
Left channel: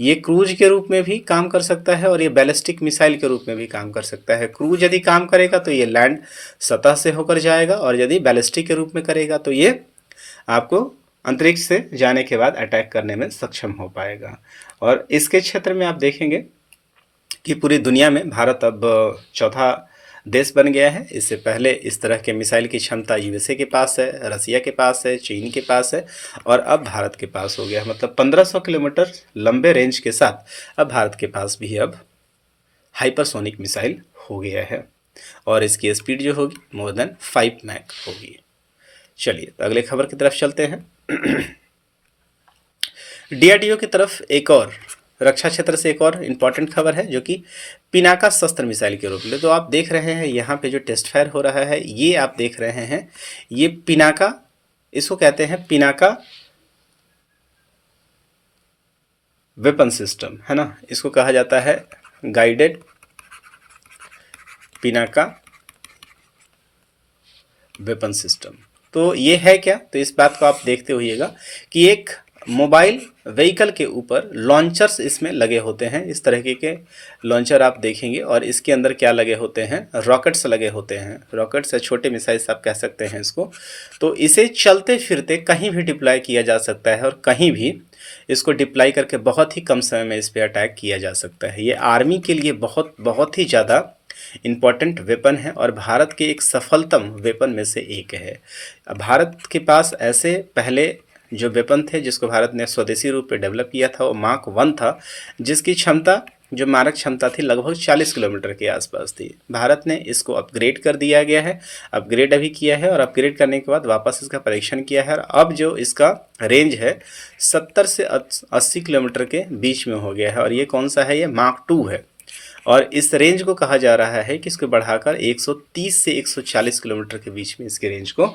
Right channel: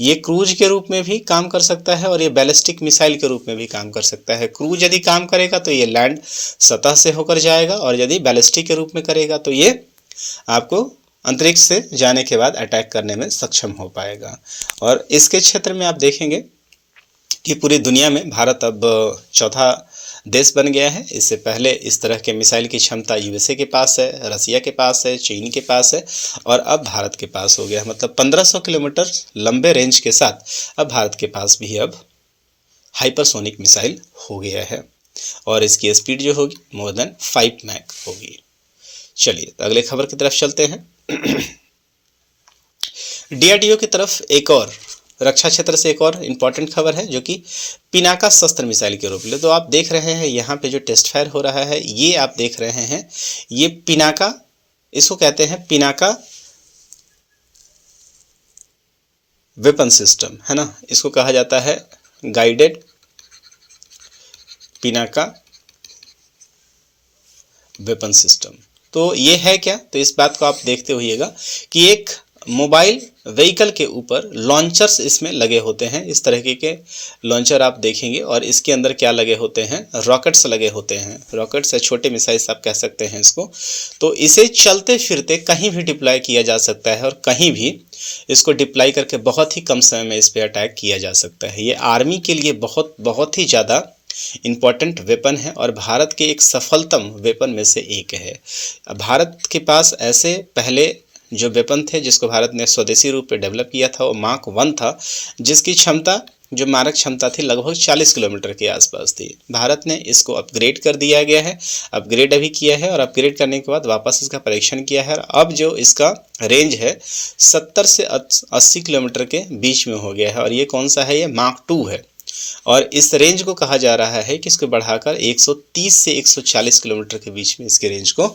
ये क्रूज के रूप में भी काम कर सकता है और ये बैलिस्टिक मिसाइल के रूप में भी काम कर सकता है। क्रूज यदि काम करेगा तो ये लैंड सतह से होकर जाएगा और यदि बैलिस्टिक के रूप में करेगा तो ये आपको अंतरिक्ष से जाने के बाद अटैक करने में सक्षम हो पाएगा। और इसके क्षेत्र में आप देखेंगे कि पूरी दुनिया में भारत अब चौथा देश बन गया है। इससे पहले इस तरह के मिसाइल की क्षमता USA के पास है, रसिया के पास है, चीन के पास है और अब भारत के पास हो गया है। मतलब 1500 किलोमीटर लंबे रेंज के साथ अब भारत के पास भी अब हाइपरसोनिक मिसाइल हो गया है और इसकी स्पीड जो होगी मोर देन 5 मैक होगी। चलिए तो अगले खबर की तरफ चलते हैं। DRDO की तरफ एक और रक्षा क्षेत्र से एक और इम्पॉर्टेंट खबर है जो कि पिनाका शस्त्र मिसाइल के रूप में। तो आप देख रहे हैं यहाँ पे जो टेस्ट फायर हो रहा है, ये आप देख रहे हैं, ये पिनाका, इसको कहते हैं पिनाका वेपन सिस्टम, है ना। इसको कहा जाता है गाइडेड पिनाका वेपन सिस्टम। तो ये है क्या, तो इस बात को आप देखते होइएगा कि एक मोबाइल व्हीकल के ऊपर लॉन्चर्स इसमें लगे होते हैं। इस तरह के लॉन्चर आप देखेंगे और इसके अंदर क्या लगे होते हैं, रॉकेट्स लगे होते हैं। रॉकेट्स या छोटे मिसाइल्स आप कह सकते हैं इसको। तो इसे चलते फिरते कहीं भी डिप्लॉय किया जा सकता है और कहीं भी इसको डिप्लॉय करके बहुत ही कम समय में इस पर अटैक किया जा सकता है। ये आर्मी के लिए बहुत ही ज़्यादा इम्पॉर्टेंट वेपन है और भारत के एक सफलतम वेपन में से एक है। भारत के पास ऐसे पहले जो वेपन थे जिसको भारत ने स्वदेशी रूप में डेवलप किया था वो मार्क 1 था, जिसकी क्षमता, जो मारक क्षमता थी, लगभग 40 किलोमीटर के आसपास थी। भारत ने इसको अपग्रेड कर दिया गया है, अपग्रेड अभी किया है और अपग्रेड करने के बाद वापस इसका परीक्षण किया है और अब जो इसका रेंज है 70 से 80 किलोमीटर के बीच में हो गया है। और ये कौन सा है, ये मार्क 2 है और इस रेंज को कहा जा रहा है कि इसको बढ़ाकर 130 से 140 किलोमीटर के बीच में इसके रेंज को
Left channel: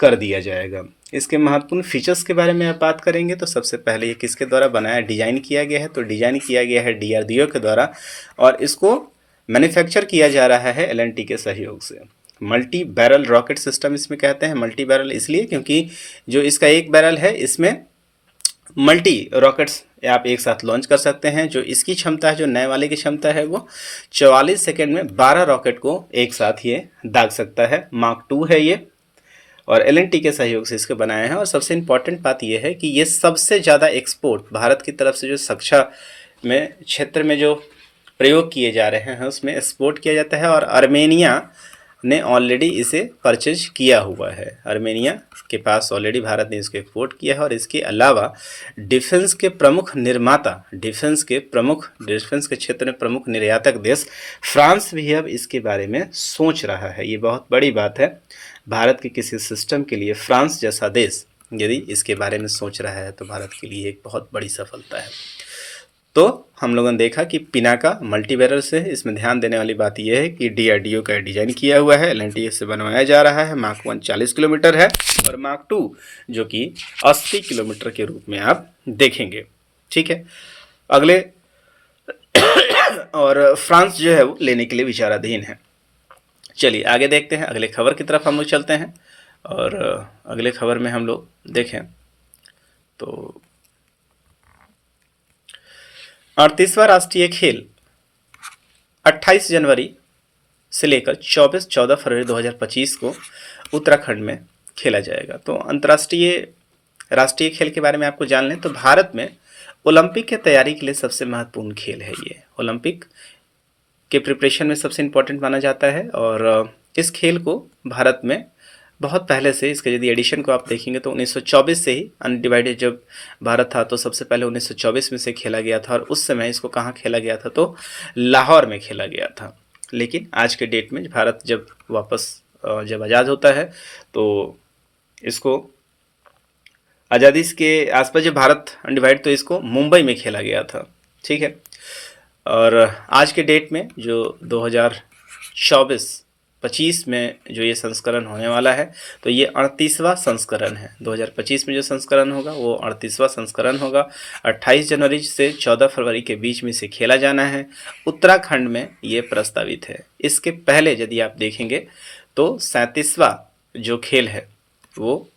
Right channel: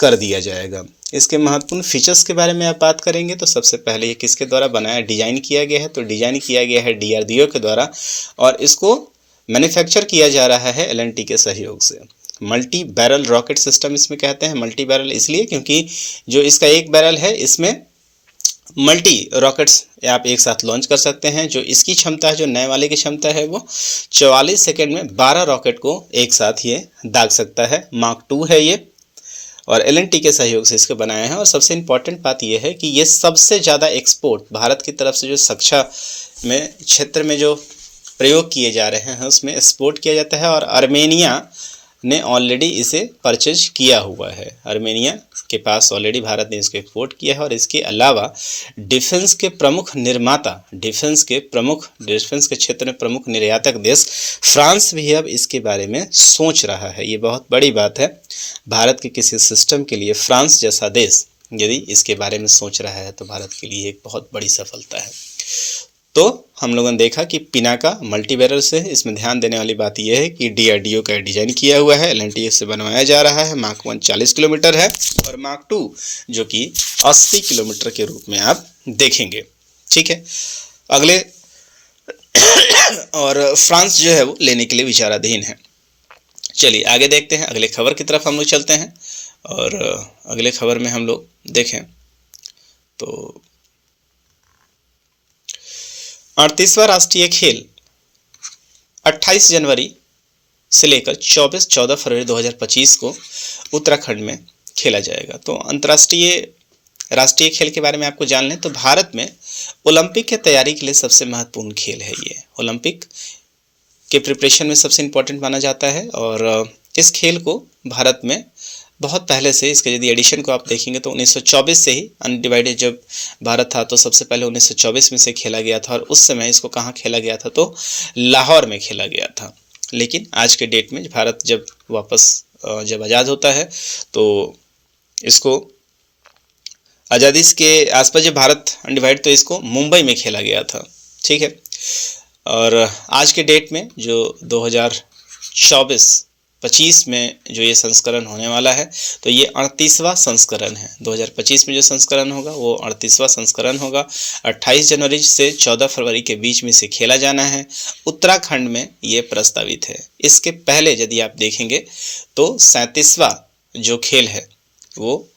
कर दिया जाएगा। इसके महत्वपूर्ण फीचर्स के बारे में आप बात करेंगे तो सबसे पहले ये किसके द्वारा बनाया, डिज़ाइन किया गया है, तो डिज़ाइन किया गया है DRDO के द्वारा और इसको मैन्युफैक्चर किया जा रहा है L&T के सहयोग से। मल्टी बैरल रॉकेट सिस्टम इसमें कहते हैं। मल्टी बैरल इसलिए क्योंकि जो इसका एक बैरल है इसमें मल्टी रॉकेट्स आप एक साथ लॉन्च कर सकते हैं। जो इसकी क्षमता है, जो नए वाले की क्षमता है, वो 44 सेकेंड में 12 रॉकेट को एक साथ ये दाग सकता है। मार्क 2 है ये और L&T के सहयोग से इसको बनाया है। और सबसे इम्पॉर्टेंट बात यह है कि ये सबसे ज़्यादा एक्सपोर्ट भारत की तरफ से जो रक्षा में क्षेत्र में जो प्रयोग किए जा रहे हैं उसमें एक्सपोर्ट किया जाता है और आर्मेनिया ने ऑलरेडी इसे परचेज किया हुआ है। आर्मेनिया के पास ऑलरेडी भारत ने इसको एक्सपोर्ट किया है और इसके अलावा डिफेंस के प्रमुख निर्माता, डिफेंस के क्षेत्र में प्रमुख निर्यातक देश फ्रांस भी अब इसके बारे में सोच रहा है। ये बहुत बड़ी बात है। भारत के किसी सिस्टम के लिए फ्रांस जैसा देश यदि इसके बारे में सोच रहा है तो भारत के लिए एक बहुत बड़ी सफलता है। तो हम लोगों ने देखा कि पिनाका मल्टी बैरल से है। इसमें ध्यान देने वाली बात यह है कि DRDO का डिजाइन किया हुआ है, LNTS से बनवाया जा रहा है। मार्क 1 40 किलोमीटर है और मार्क 2 जो कि 80 किलोमीटर के रूप में आप देखेंगे। ठीक है, अगले और फ्रांस जो है वो लेने के लिए विचाराधीन है। चलिए आगे देखते हैं, अगले खबर की तरफ हम लोग चलते हैं। और अगले खबर में हम लोग देखें तो 38वां राष्ट्रीय खेल 28 जनवरी से लेकर 14 फरवरी 2025 को उत्तराखंड में खेला जाएगा। तो अंतर्राष्ट्रीय राष्ट्रीय खेल के बारे में आपको जान लें तो भारत में ओलंपिक की तैयारी के लिए सबसे महत्वपूर्ण खेल है ये। ओलंपिक के प्रिपरेशन में सबसे इम्पोर्टेंट माना जाता है और इस खेल को भारत में बहुत पहले से, इसके यदि एडिशन को आप देखेंगे तो 1924 से ही, अनडिवाइडेड जब भारत था तो सबसे पहले 1924 में से खेला गया था। और उस समय इसको कहाँ खेला गया था तो लाहौर में खेला गया था। लेकिन आज के डेट में भारत जब वापस जब आज़ाद होता है तो इसको आज़ादी के आसपास जब भारत अनडिवाइड तो इसको मुंबई में खेला गया था। ठीक है, और आज के डेट में जो 2024-25 में जो ये संस्करण होने वाला है तो ये 38वां संस्करण है। 2025 में जो संस्करण होगा वो 38वां संस्करण होगा। 28 जनवरी से 14 फरवरी के बीच में से खेला जाना है। उत्तराखंड में ये प्रस्तावित है। इसके पहले यदि आप देखेंगे तो 37वां जो खेल है वो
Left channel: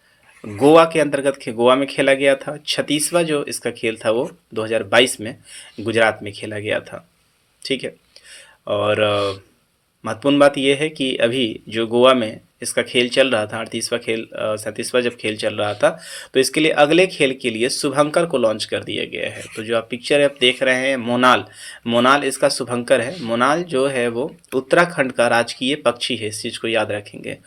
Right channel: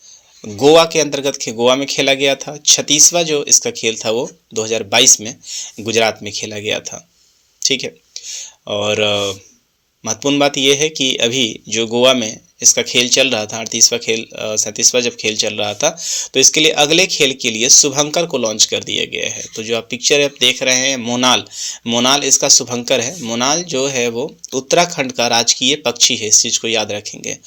गोवा के अंतर्गत गोवा में खेला गया था। 36वां जो इसका खेल था वो 2022 में गुजरात में खेला गया था। ठीक है, और महत्वपूर्ण बात यह है कि अभी जो गोवा में इसका खेल चल रहा था, 37वां जब खेल चल रहा था तो इसके लिए अगले खेल के लिए शुभंकर को लॉन्च कर दिया गया है। तो जो आप पिक्चर आप देख रहे हैं मोनाल इसका शुभंकर है। मोनाल जो है वो उत्तराखंड का राजकीय पक्षी है, इस चीज़ को याद रखेंगे।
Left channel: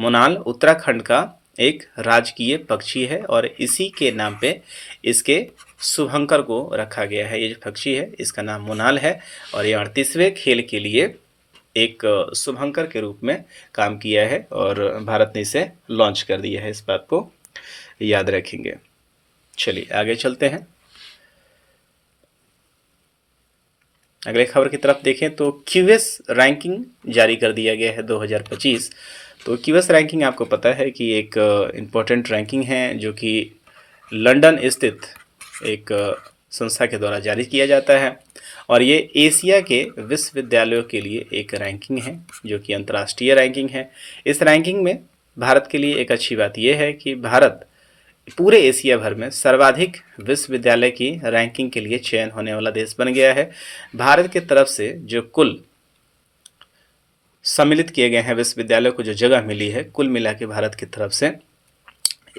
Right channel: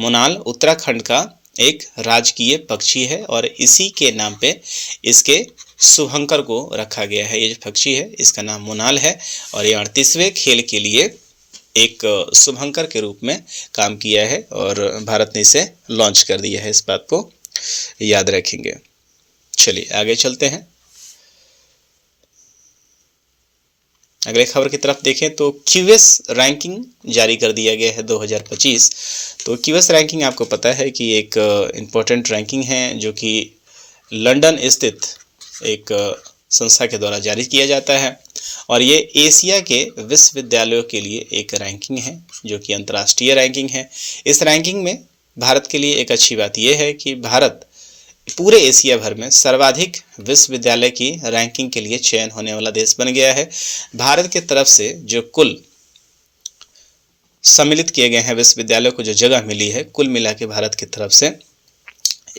मोनाल उत्तराखंड का एक राजकीय पक्षी है और इसी के नाम पे इसके शुभंकर को रखा गया है। ये जो पक्षी है इसका नाम मोनाल है और ये 38वें खेल के लिए एक शुभंकर के रूप में काम किया है और भारत ने इसे लॉन्च कर दिया है। इस बात को याद रखेंगे। चलिए आगे चलते हैं। अगले खबर की तरफ देखें तो QS रैंकिंग जारी कर दिया गया है 2025। तो QS रैंकिंग आपको पता है कि एक इम्पोर्टेंट रैंकिंग है जो कि लंदन स्थित एक संस्था के द्वारा जारी किया जाता है और ये एशिया के विश्वविद्यालयों के लिए एक रैंकिंग है जो कि अंतर्राष्ट्रीय रैंकिंग है। इस रैंकिंग में भारत के लिए एक अच्छी बात यह है कि भारत पूरे एशिया भर में सर्वाधिक विश्वविद्यालय की रैंकिंग के लिए चयन होने वाला देश बन गया है। भारत की तरफ से जो कुल सम्मिलित किए गए हैं विश्वविद्यालयों को जो जगह मिली है, कुल मिला के भारत की तरफ से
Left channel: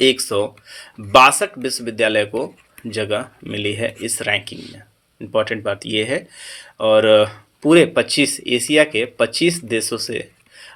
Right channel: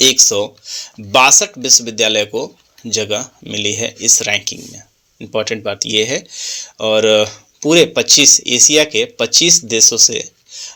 162 विश्वविद्यालय को जगह मिली है इस रैंकिंग में। इम्पॉर्टेंट बात यह है। और पूरे 25 एशिया के 25 देशों से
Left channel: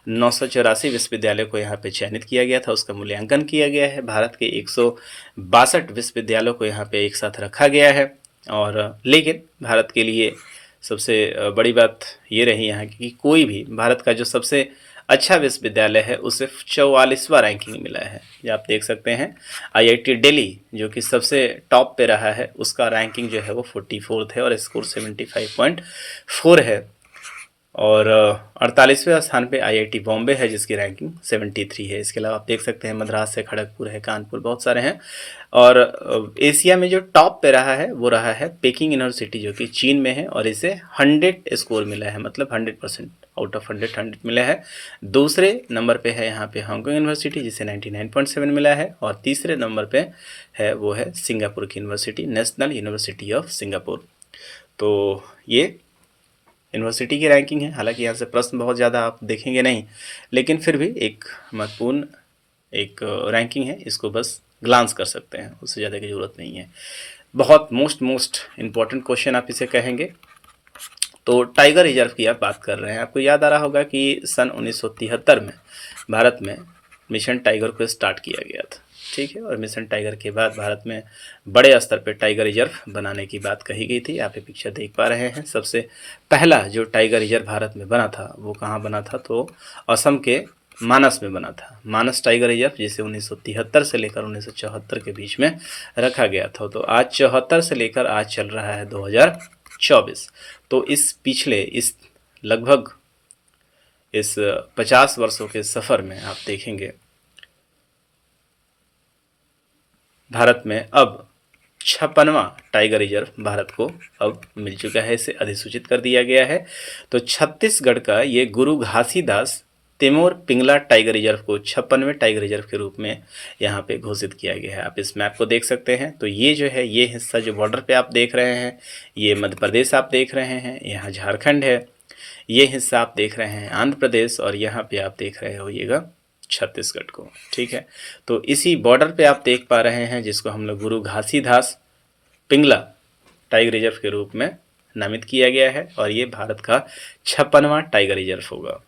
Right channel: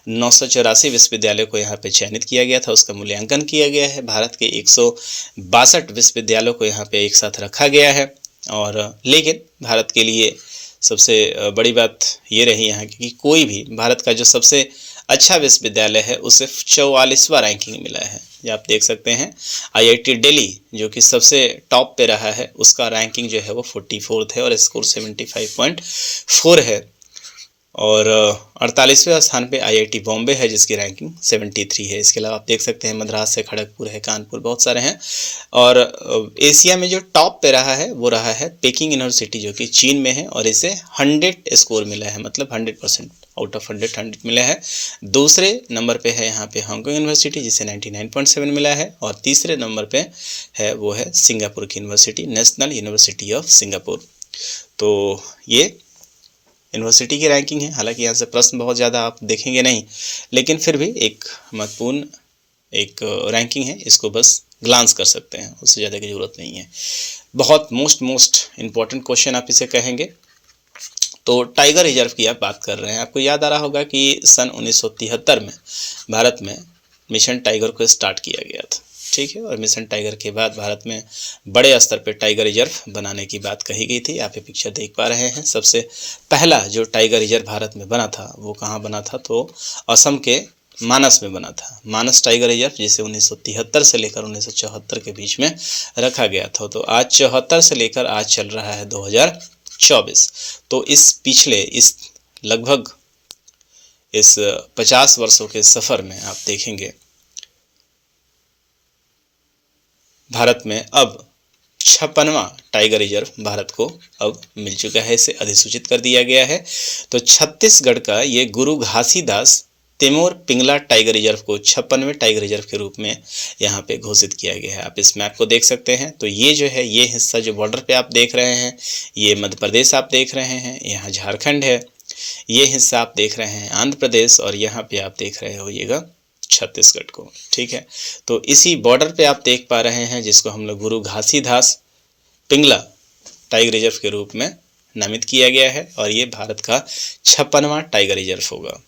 984 विश्वविद्यालय को यहाँ पे चयनित किया गया था, उसका मूल्यांकन किया गया है। भारत के 162 विश्वविद्यालयों को यहाँ पे एक साथ रखा गया है। और लेकिन भारत के लिए सबसे बड़ी बात ये रही यहाँ की कि कोई भी भारत का जो सबसे अच्छा विश्वविद्यालय है उसे 44वां रैंकिंग मिला है। ये आप देख सकते हैं। IIT दिल्ली जो कि सबसे टॉप पे रहा है उसका रैंकिंग जो है वो 44 है और स्कोर 75.4 है। और 48वें स्थान पे IIT बॉम्बे है जिसकी रैंकिंग 73 है। इसके अलावा आप देख सकते हैं मद्रास है, खड़गपुर है, कानपुर, बहुत सारे हैं। और एशिया में जो टॉप पे रहा है वो रहा है पेकिंग यूनिवर्सिटी जो कि चीन में है और इसे 100 स्कोर मिला है, मतलब 100% आउट ऑफ 100 मिला है। दूसरे नंबर पे है यहाँ पे हांगकांग यूनिवर्सिटी जिसे 99.7 मिला है और तीसरे नंबर पे है वो है सिंगापुर की university, national university of Singapore. तो ये यूनिवर्सिटी की रैंकिंग है। हालांकि यहाँ से प्रश्न बहुत ज़्यादा आप देखेंगे नहीं, लेकिन फिर भी एक महत्वपूर्ण एक रैंकिंग है, इसको बस ग्लांस कर सकते हैं, उससे ज़्यादा की ज़रूरत नहीं है। बहुत मोस्ट इम्पॉर्टेंट क्वेश्चन आप इसे कहेंगे। तो टाइगर रिजर्व की आप बात कर रहे हैं। आपको याद आ रहा होगा कि सन 1973 में भारत में मिशन टाइगर को स्टार्ट किया गया था। ठीक है, और मिशन टाइगर के बाद भारत में बड़े स्तर पर टाइगर रिजर्व बनाने की बात कही गई थी। आप ये पिक्चर देख पा रहे हैं। सबसे पहला जो टाइगर रिजर्व भारत में बना था वो कहाँ बना था तो असम के मानस में बना था। मानस टाइगर रिजर्व जिसे 1973 से लेकर 1974 के बीच में रखा गया था। तो आज 74 से लेकर आज चल रहा है 24। तो इस पिछले इस लगभग इस 50 वर्षों के सफ़र में आप देखेंगे भारत में अब 56वां टाइगर रिजर्व भारत को अब मिल चुका है, इसे अधिसूचित कर दिया गया है। तो छत्तीसगढ़ का ये गुरु घासीदास तिमोर पिंगला टाइगर रिजर्व को 56वें टाइगर रिजर्व के रूप में यहाँ पे घोषित किया गया है। आप इस मैप को देख सकते हैं। तो ये जो है, ये हिस्सा जो बॉर्डर पे आप देख रहे हैं, ये मध्य प्रदेश आप देख रहे हैं, यहाँ झारखंड है, ये हिस्सा आप देख रहे हैं आंध्र प्रदेश, और यहाँ पे आप देख रहे होइएगा छत्तीसगढ़ को। ठीक है, तो इसी बॉर्डर पे आप देख पा रहे हैं जिसको हम लोग गुरु घासीदास पिंगला टाइगर रिजर्व के रूप में नामित किया गया है, और ये भारत का 56वां टाइगर रिजर्व होगा।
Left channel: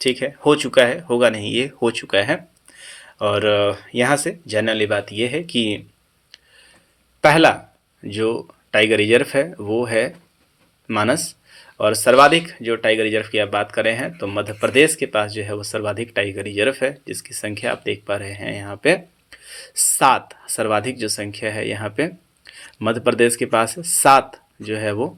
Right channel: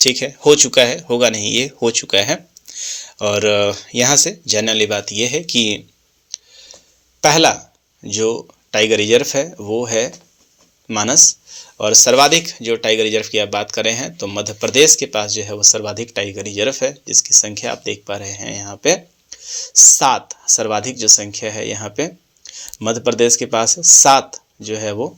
ठीक है, हो चुका है, होगा नहीं, ये हो चुका है। और यहाँ से जानने वाली बात ये है कि पहला जो टाइगर रिजर्व है वो है मानस, और सर्वाधिक जो टाइगर रिजर्व की आप बात करें हैं तो मध्य प्रदेश के पास जो है वो सर्वाधिक टाइगर रिजर्व है, जिसकी संख्या आप देख पा रहे हैं यहाँ पे 7। सर्वाधिक जो संख्या है यहाँ पे मध्य प्रदेश के पास है 7 जो है वो।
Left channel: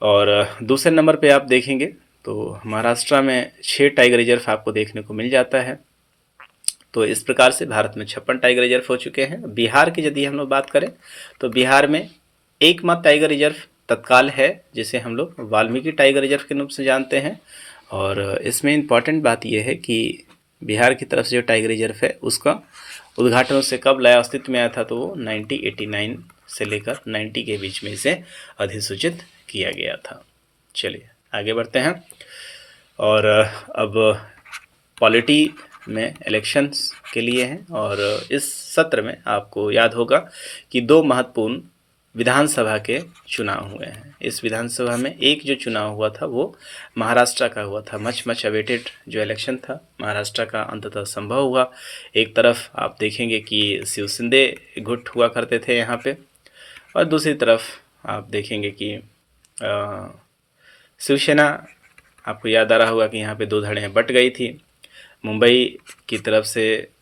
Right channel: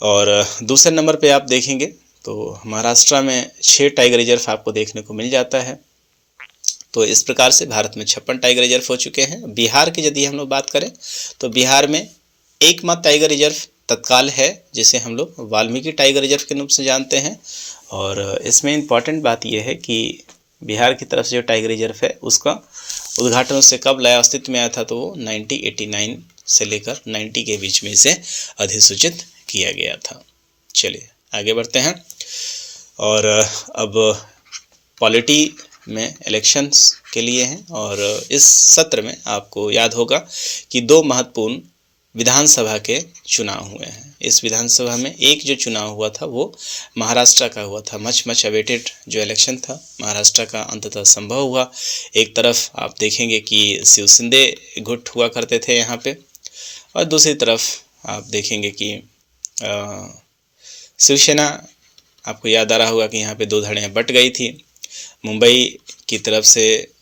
और दूसरे नंबर पे आप देखेंगे तो महाराष्ट्र में 6 टाइगर रिजर्व आपको देखने को मिल जाता है। तो इस प्रकार से भारत में 56 टाइगर रिजर्व हो चुके हैं। बिहार की यदि हम लोग बात करें तो बिहार में एकमात्र टाइगर रिजर्व तत्काल है, जिसे हम लोग वाल्मीकि टाइगर रिजर्व के रूप से जानते हैं। और इसमें इम्पॉर्टेंट बात यह है कि बिहार की तरफ से जो टाइगर रिजर्व है उसका उद्घाटन उससे कब लाया अस्तित्व में आया था, तो वो 1989 से लेकर 90 के बीच में इसे अधिसूचित किया गया था। चलिए आगे बढ़ते हैं। और अब पॉलिटी में इलेक्शंस के लिए हैं, और इस सत्र में आपको याद होगा कि 2 महत्वपूर्ण विधानसभा के चुनाव हुए हैं। इस विधानसभा में एक जो चुनाव हुआ था वो महाराष्ट्र का हुआ था। मच अवेटेड जो इलेक्शन था महाराष्ट्र का अंततः संभव हुआ। एक तरफ आप देखेंगे कि शिव शिंदे गुट हुआ करते थे यहाँ पे, और दूसरी तरफ आप देखेंगे कि शिवसेना, आपको याद आ रहा होगा कि यहाँ पे 2 धड़ें बट गई थी। मुंबई की तरफ से,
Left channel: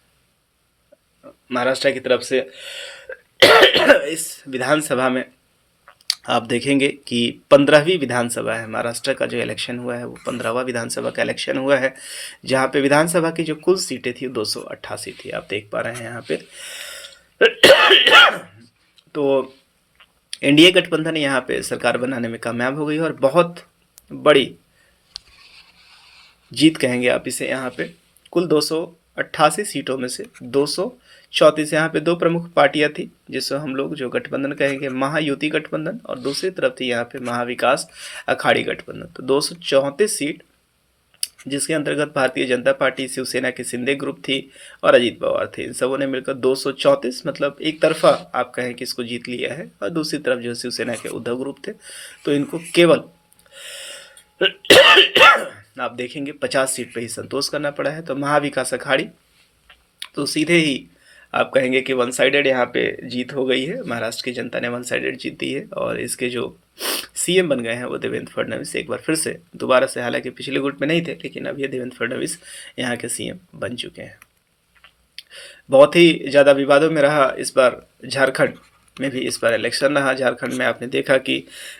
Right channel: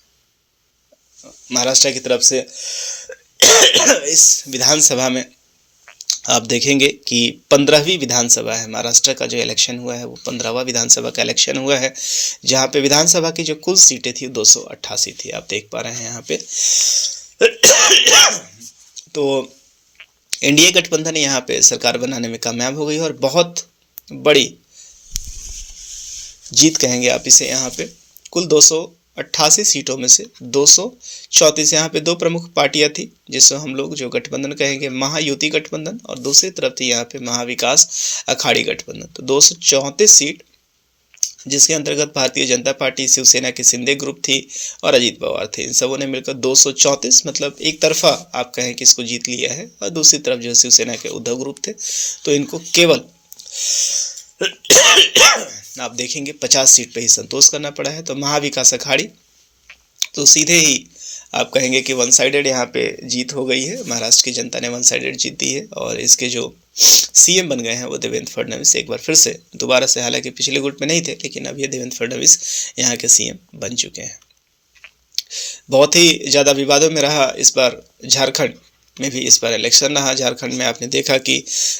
महाराष्ट्र की तरफ से इस विधानसभा में आप देखेंगे कि 15वीं विधानसभा है। महाराष्ट्र का जो इलेक्शन हुआ है वो 15वां विधानसभा का इलेक्शन हुआ है, जहाँ पे विधानसभा की जो कुल सीटें थी 288 थी, आप देख पा रहे हैं यहाँ पे। तो एनडीए गठबंधन यहाँ पे सरकार बनाने में कामयाब हो गई, और बहुत बड़ी जीत कहेंगे आप इसे। यहाँ पे कुल 288 सीटों में से 234, यहाँ पे 2 प्रमुख पार्टियां थी जिसको हम लोग जो गठबंधन कहेंगे महायुति गठबंधन, और दूसरी तरफ थी यहाँ पे महाविकास अखाड़ी गठबंधन। तो 234 सीट, जिसके अंतर्गत भारतीय जनता पार्टी, शिवसेना की शिंदे ग्रुप थी और अजीत पवार थे, इन सबों ने मिलकर 234, मतलब एक तरफा आप कहें कि इसको जीत लिया है। और दूसरी तरफ जो शिवसेना के उद्धव ग्रुप थे, तो इनको केवल आप देखेंगे 50 सीट पे ही संतोष करना पड़ा है। तो महाविकास अखाड़ी तो सीधे ही आप कहेंगे कि वन साइडेड यहाँ पे जीत हो गई है, महाराष्ट्र की जनता ने वन साइडेड जीत दी है, और इसके जो सीएम बन गए हैं वो देवेंद्र फडणवीस एक बार फिर से दोबारा से, हालांकि पिछले गुट में नहीं थे, लेकिन अब ये देवेंद्र फडणवीस यहाँ के सीएम बन चुके हैं। बहुत ही ज़्यादा विवादों में रहा इस बार झारखंड में भी इस बार इलेक्शन रहा। झारखंड में आपने देखा कि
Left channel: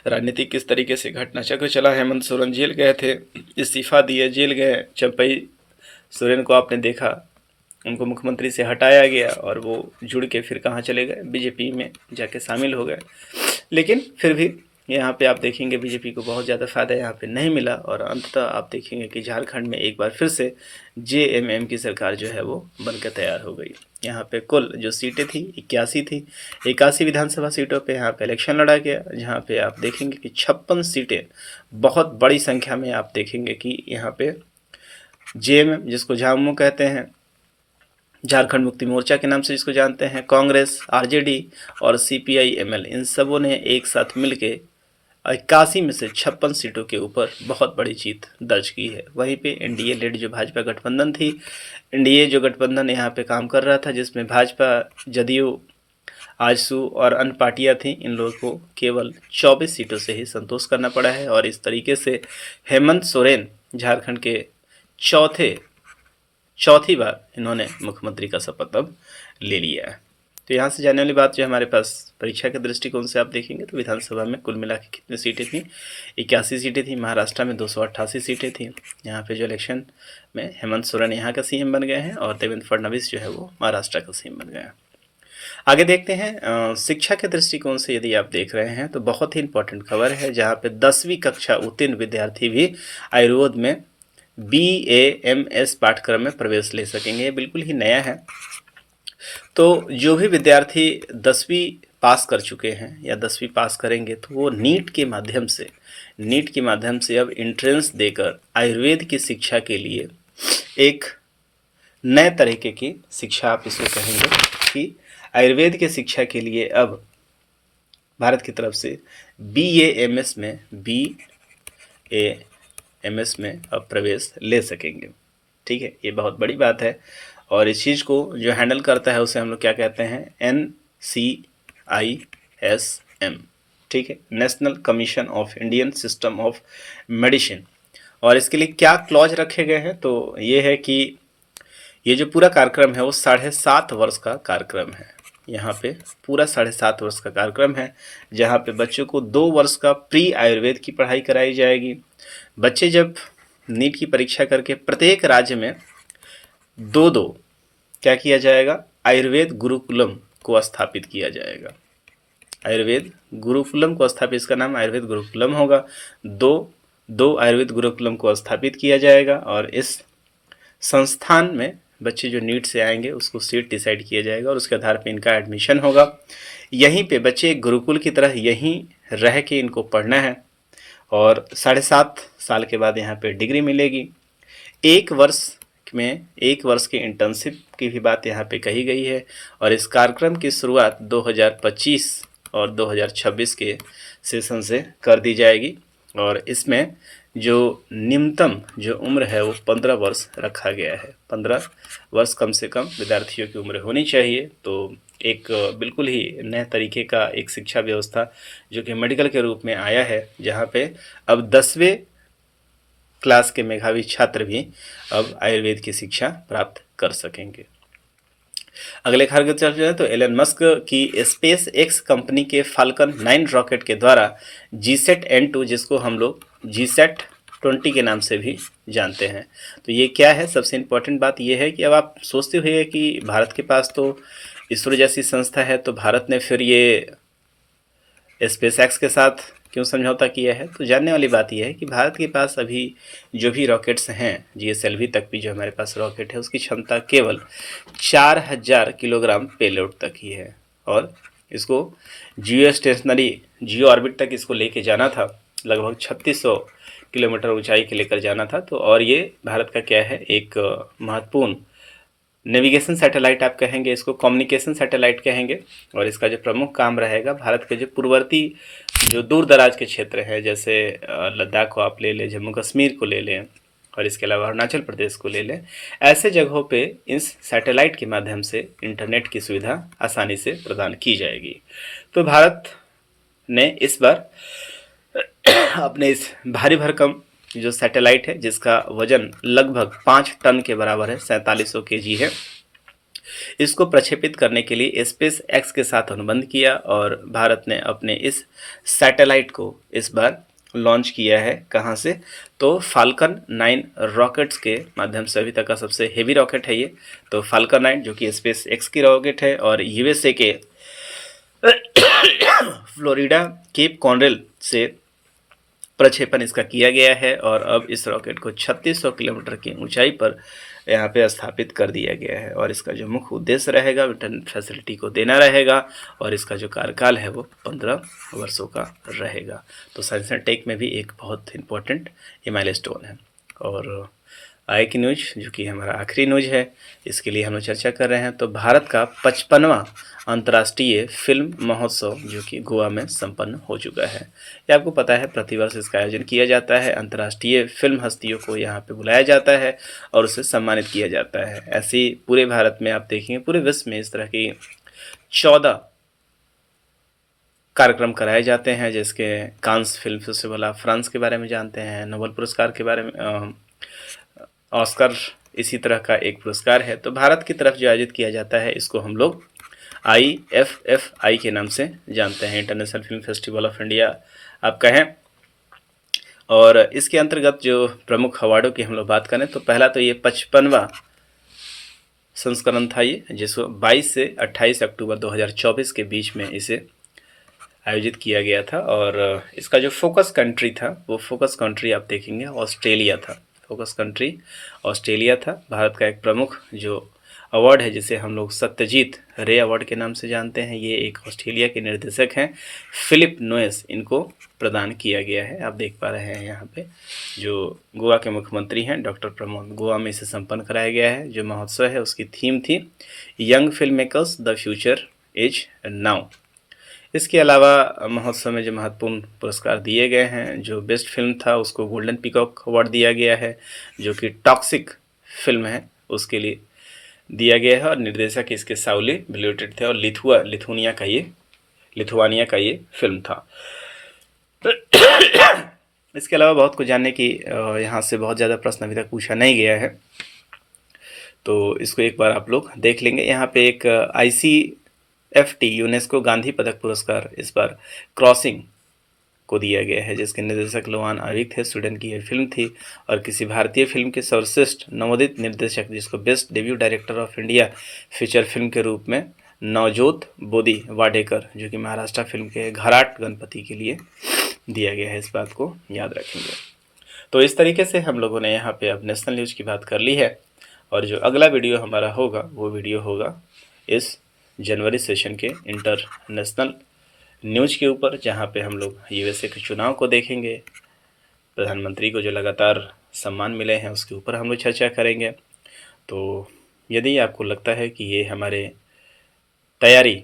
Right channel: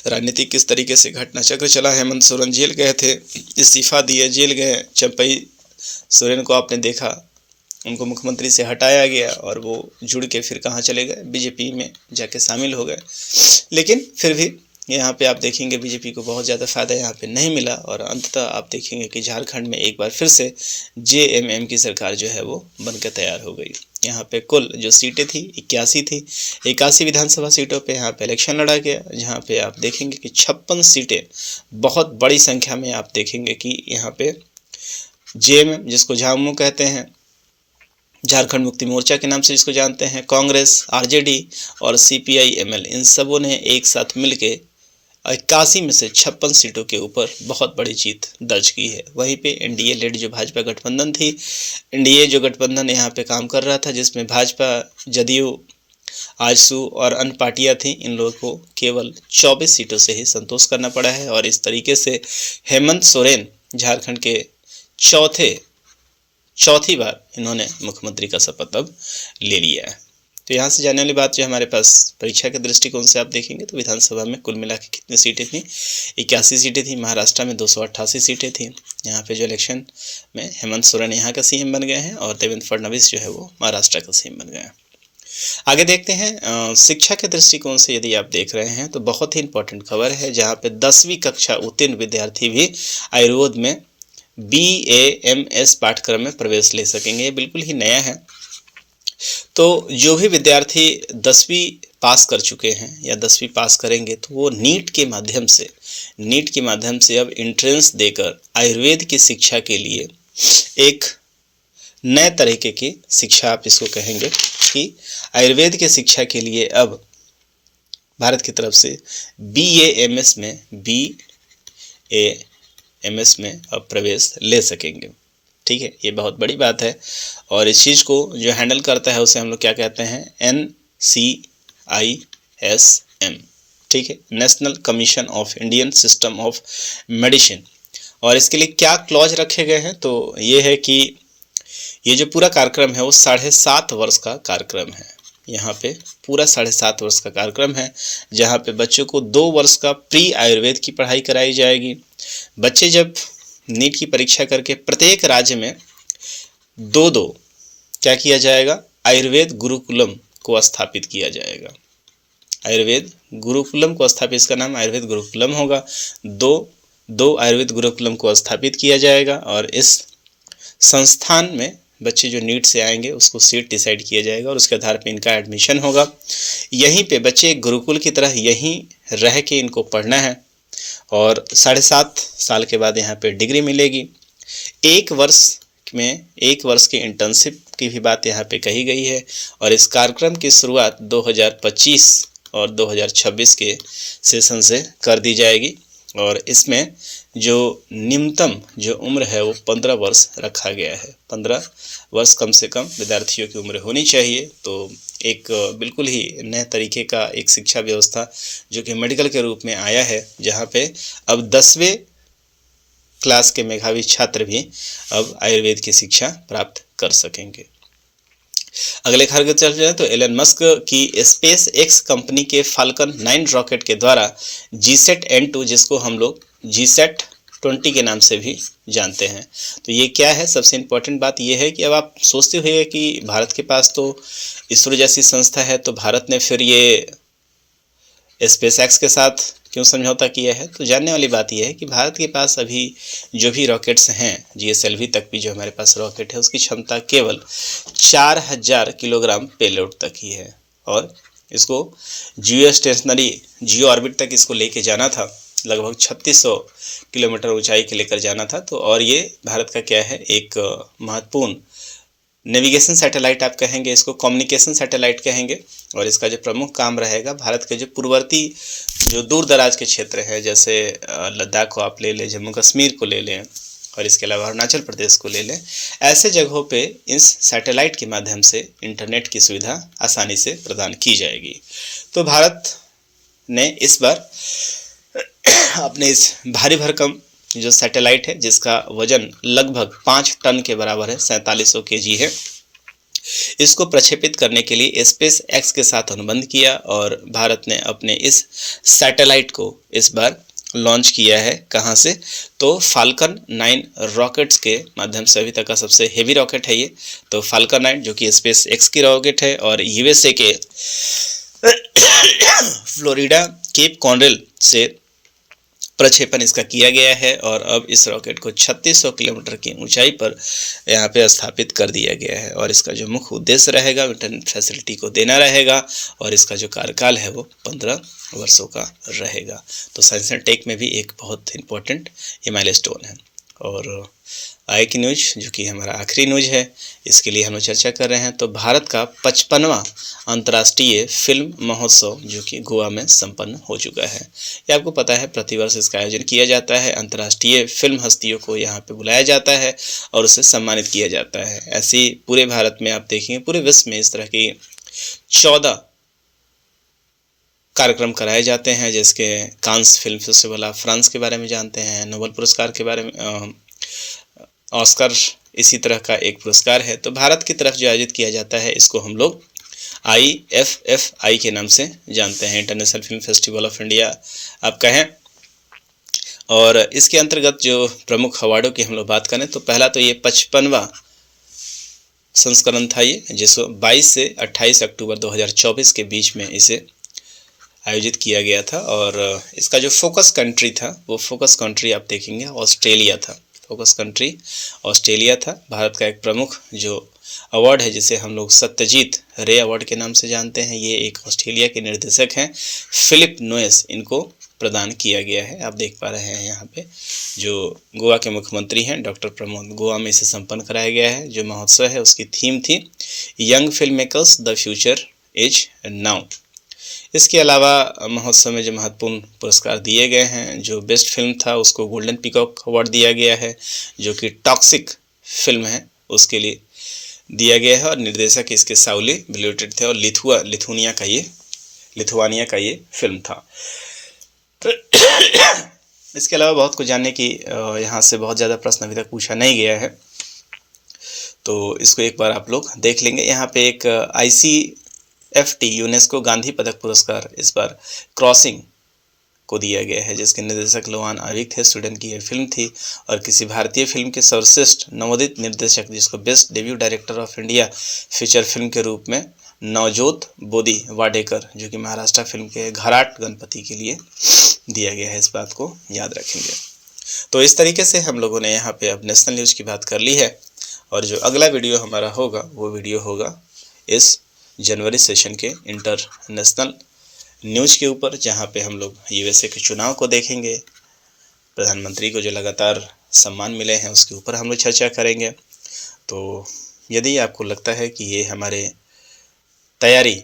राजनीतिक किस तरीके से घटना चक्र चला। हेमंत सोरेन जेल गए थे, इस्तीफा दिए, जेल गए। चंपई सोरेन को आपने देखा, उनको मुख्यमंत्री से हटाया गया और वो जुड़ के फिर कहाँ चले गए, बीजेपी में जाके शामिल हो गए। लेकिन फिर भी यहाँ पे आप देखेंगे बीजेपी को बहुत ज़्यादा फ़ायदा यहाँ पे नहीं मिला, और अंततः आप देखेंगे कि झारखंड में एक बार फिर से जेएमएम की सरकार जो है वो बनकर तैयार हो गई। यहाँ पे कुल जो सीटें थी 81 थी, 81 विधानसभा सीटों पे यहाँ पे इलेक्शन लड़ा गया, जहाँ पे आप देखेंगे कि 56 सीटें, बहुत बड़ी संख्या में आप देखेंगे कि यहाँ पे जेएमएम, जिसको झामुमो कहते हैं, झारखंड मुक्ति मोर्चा के नाम से जिसको जानते हैं, कांग्रेस, आरजेडी और सीपीआई-एमएल, इन सबों ने एक साथ मिलके 81 में से 56 सीटों के ऊपर बहुत बड़ी जीत दर्ज की है। वहीं पे एनडीए लेड जो भाजपा गठबंधन थी, एनडीए जो गठबंधन यहाँ पे काम कर रहा था, जिसमें भाजपा, जदयू, आजसू और अन्य पार्टियाँ थीं, इन लोगों को केवल 24 सीटों से ही संतोष करना पड़ा है। और इस तरीके से हेमंत सोरेन झारखंड के चौथी बार इन्होंने मुख्यमंत्री का शपथ अब ले लिया है। तो यहाँ से जाने वाली बात जो हमारे पास परीक्षा के दृष्टिकोण से आप देखेंगे तो विधानसभा में कुल मिला के कितनी सीटें थी, 81 सीटें थी। महाराष्ट्र में 288 सीटें थी। यहाँ पे जो इलेक्शन में हेमंत सोरेन यहाँ का सीएम बन गए हैं और देवेंद्र फडणवीस जो है वो महाराष्ट्र का सीएम बन गए हैं। आगे देखते हैं शिक्षा के दृष्टिकोण से यदि आप देख रहे हैं तो बहुत ही इंपॉर्टेंट खबर है, जहाँ पे 10वीं कक्षा उत्तीर्ण विद्यार्थी भी आयुर्वेद में BAMS पाठ्यक्रम में प्रवेश ले सकेंगे। ये बिल्कुल ही नया है। तो जो भी विद्यार्थी 10वीं पास कर चुके हैं या 10वीं पास करेंगे तो वो नीट के माध्यम से अब एंट्रेंस देकर आयुर्वेद की शिक्षा के लिए एक नए तरीके की शिक्षा, आप इसको कहेंगे कि आयुर्वेद के शिक्षा के लिए अब भारत की तरफ से BAMS में अब प्रवेश ले सकेंगे। ठीक है, ये बहुत बड़ी बात है और इस चीज़ को जो हैंडल करता है उसे हम लोग क्या कहते हैं, NCISM। ठीक है, national commission of Indian system of medicine. और इसके लिए क्या क्लॉज रखे गए हैं, तो ये है कि ये जो पूरा कार्यक्रम है वो 7.5 वर्ष का कार्यक्रम है। यहाँ पे पूरा 7.5 वर्ष का कार्यक्रम है, जहाँ पे बच्चों को 2 वर्ष का प्री आयुर्वेद की पढ़ाई कराई जाएगी। बच्चे जब नीट की परीक्षा करके प्रत्येक राज्य में 2 क्या किया जाएगा, आयुर्वेद गुरुकुलम को स्थापित किया जाएगा। आयुर्वेद गुरुकुलम को स्थापित, इसका नाम आयुर्वेद गुरुकुलम होगा। 2 आयुर्वेद गुरुकुलम को स्थापित किया जाएगा और इस संस्थान में बच्चे जो नीट से आएंगे उसको सीट डिसाइड किया जाएगा और उसके आधार पे इनका एडमिशन होगा। यहीं पे बच्चे गुरुकुल की तरह यहीं रह के इनको पढ़ना है और 7.5 साल के बाद यहाँ पे डिग्री मिलेगी। 1 वर्ष की इंटर्नशिप की भी बात यहाँ पे कही गई है और इस कार्यक्रम की शुरुआत 2025 और 2026 के सेशन से कर दी जाएगी और इसमें जो निम्नतम जो उम्र है वो 15 वर्ष रखा गया है। 15 वर्ष कम से कम विद्यार्थियों की उम्र होनी चाहिए। तो एक बिल्कुल ही नए तरीके का एक शिक्षा व्यवस्था जो कि मेडिकल के रूप में आया है, जहाँ पे अब 10वें क्लास के मेधावी छात्र भी अब आयुर्वेद की शिक्षा प्राप्त कर सकेंगे। अगले खबर की तरफ जाए तो एलन मस्क की स्पेस एक्स कंपनी के फाल्कन 9 रॉकेट के द्वारा जीसैट N2, जिसको हम लोग जीसैट 20 के नाम से भी जानते हैं, तो ये क्या है, सबसे इम्पोर्टेंट बात ये है कि अब आप सोचते हुए कि भारत के पास तो इसरो जैसी संस्था है, तो भारत ने फिर ये स्पेस एक्स के साथ क्यों समझौता किया है। तो जानने वाली बात यह है कि भारत के पास अभी जो भी रॉकेट्स हैं, GSLV तक भी जो हमारे पास रॉकेट है उसकी क्षमता केवल 4000 किलोग्राम पेलोड तक ही है और इसको जियो स्टेशनरी जियो ऑर्बिट तक इसको लेके जाना था, लगभग 3600 किलोमीटर ऊंचाई के लेकर जाना था। तो और ये भारत का क्या है, एक महत्वपूर्ण नेविगेशन सैटेलाइट आप कहेंगे, इसको कम्युनिकेशन सैटेलाइट कहेंगे और इसका जो प्रमुख काम रहेगा भारत के जो पूर्ववर्ती जो दूर दराज के क्षेत्र हैं, जैसे लद्दाख को आप ले लें, जम्मू कश्मीर को ले लें और इसके अलावा अरुणाचल प्रदेश को ले लें, ऐसे जगहों पे इस सैटेलाइट के माध्यम से इंटरनेट की सुविधा आसानी से प्रदान की जाएगी। तो भारत ने इस बार अपने इस भारी भरकम जो सैटेलाइट है, जिसका वजन लगभग 5 टन के बराबर है, 4700 kg है, इसको प्रक्षेपित करने के लिए स्पेस एक्स के साथ अनुबंध किया और भारत ने अपने इस सैटेलाइट को इस बार लॉन्च किया है। कहाँ से, तो फाल्कन 9 रॉकेट्स के माध्यम से। अभी तक का सबसे हेवी रॉकेट है ये, तो फाल्कन 9 जो कि स्पेस एक्स की रॉकेट है और USA के फ्लोरिडा केप कॉनरेल से प्रक्षेपण इसका किया गया है और अब इस रॉकेट को 3600 किलोमीटर की ऊंचाई पर यहाँ पे स्थापित कर दिया गया है और इसका जो मुख्य उद्देश्य रहेगा इंटरनेट फैसिलिटी को देना रहेगा और इसका जो कार्यकाल है वो 15 वर्षों का रहेगा। तो साइंस एंड टेक में भी एक बहुत इम्पोर्टेंट ये माइलस्टोन है। और आगे की न्यूज जो कि हमारा आखिरी न्यूज है, इसके लिए हम चर्चा कर रहे हैं। तो भारत का 55वां अंतर्राष्ट्रीय फिल्म महोत्सव जो कि गोवा में संपन्न हो चुका है। ये आपको पता है प्रतिवर्ष इसका आयोजन किया जाता है। अंतर्राष्ट्रीय फिल्म हस्तियों को यहाँ पे बुलाया जाता है और उसे सम्मानित किया जाता है। ऐसे ही पूरे भारत में आप देखेंगे, पूरे विश्व में इस तरह की 14 कार्यक्रम कराए जाते हैं, जिसके कांस फिल्म फेस्टिवल, आप फ्रांस के बारे में जानते हैं, नोबेल पुरस्कार के बारे में, ऑस्कर इसी तरह का एक पुरस्कार है। तो भारत की तरफ जो आयोजित किया जाता है इसको हम लोग IFFI के नाम से जानते हैं, international film festival of India आप कहें। और इसके अंतर्गत जो प्रमुख अवार्डों की हम लोग बात करें तो पहला तो ये 55वां संस्करण था ये, जिसको 22 से 28 अक्टूबर 2024 के बीच में इसे आयोजित किया गया था। और इसका जो फोकस कंट्री था वो फोकस कंट्री आप देखेंगे ऑस्ट्रेलिया था, फोकस कंट्री ऑस्ट्रेलिया था। भारत का एक प्रमुख जो अवार्ड है जिसे हम लोग सत्यजीत रे अवार्ड के नाम से जानते हैं, ये एक ऑस्ट्रेलिया के निर्देशक हैं फिलिप नोयस, इनको प्रदान किया गया है। आप देख पा रहे हैं यहाँ पे जो गोवा के मुख्यमंत्री हैं डॉक्टर प्रमोद, गोवा में इसे संपन्न कराया गया है। जो महोत्सव है उसकी थीम थी young film makers the future is now. इसके अलावा महोत्सव में जो महत्वपूर्ण पुरस्कार दिए गए हैं, जो बेस्ट फिल्म था उसको गोल्डन पीकॉक अवार्ड दिया गया है, जो कि टॉक्सिक फिल्म है उसके लिए दिया गया है। और निर्देशक इसके साउली बिल्यूटेड थे और लिथुआनिया का ये फिल्म था। इसके अलावा बहुत कुछ जानने की यहाँ से बहुत ज़्यादा प्रश्न अभी तक पूछा नहीं गया है, तो इसको एक बार आप लोग देख लेंगे। यहाँ पे एक ICFT यूनेस्को गांधी पदक पुरस्कार इस बार क्रॉसिंग को दिया गया है, जिसके निर्देशक लोआन आविक थे, स्वीडन की यह फिल्म थी। और किसी भारतीय फिल्म के सर्वश्रेष्ठ नवोदित निर्देशक जिसको best debut director of India feature film के रूप में नवजोत बोधी वाडेकर, जो कि महाराष्ट्र फिल्म के घराट गणपति के लिए दिया गया है, इस बात को याद रखेंगे। तो इस तरीके से हम लोगों ने यहाँ पे अब नेशनल न्यूज़ की बात कर ली है। और जो अगला वीडियो हमारा होगा वो वीडियो होगा इस जनवरी सेशन के इंटरनेशनल न्यूज़ के ऊपर, जहाँ पे हम लोग USA के चुनाव को देखेंगे, प्रधानमंत्री को जो लगातार सम्मान मिले हैं उसके ऊपर हम लोग चर्चा करेंगे। तो यदि आपको लगता है कि ये हमारे तैयारी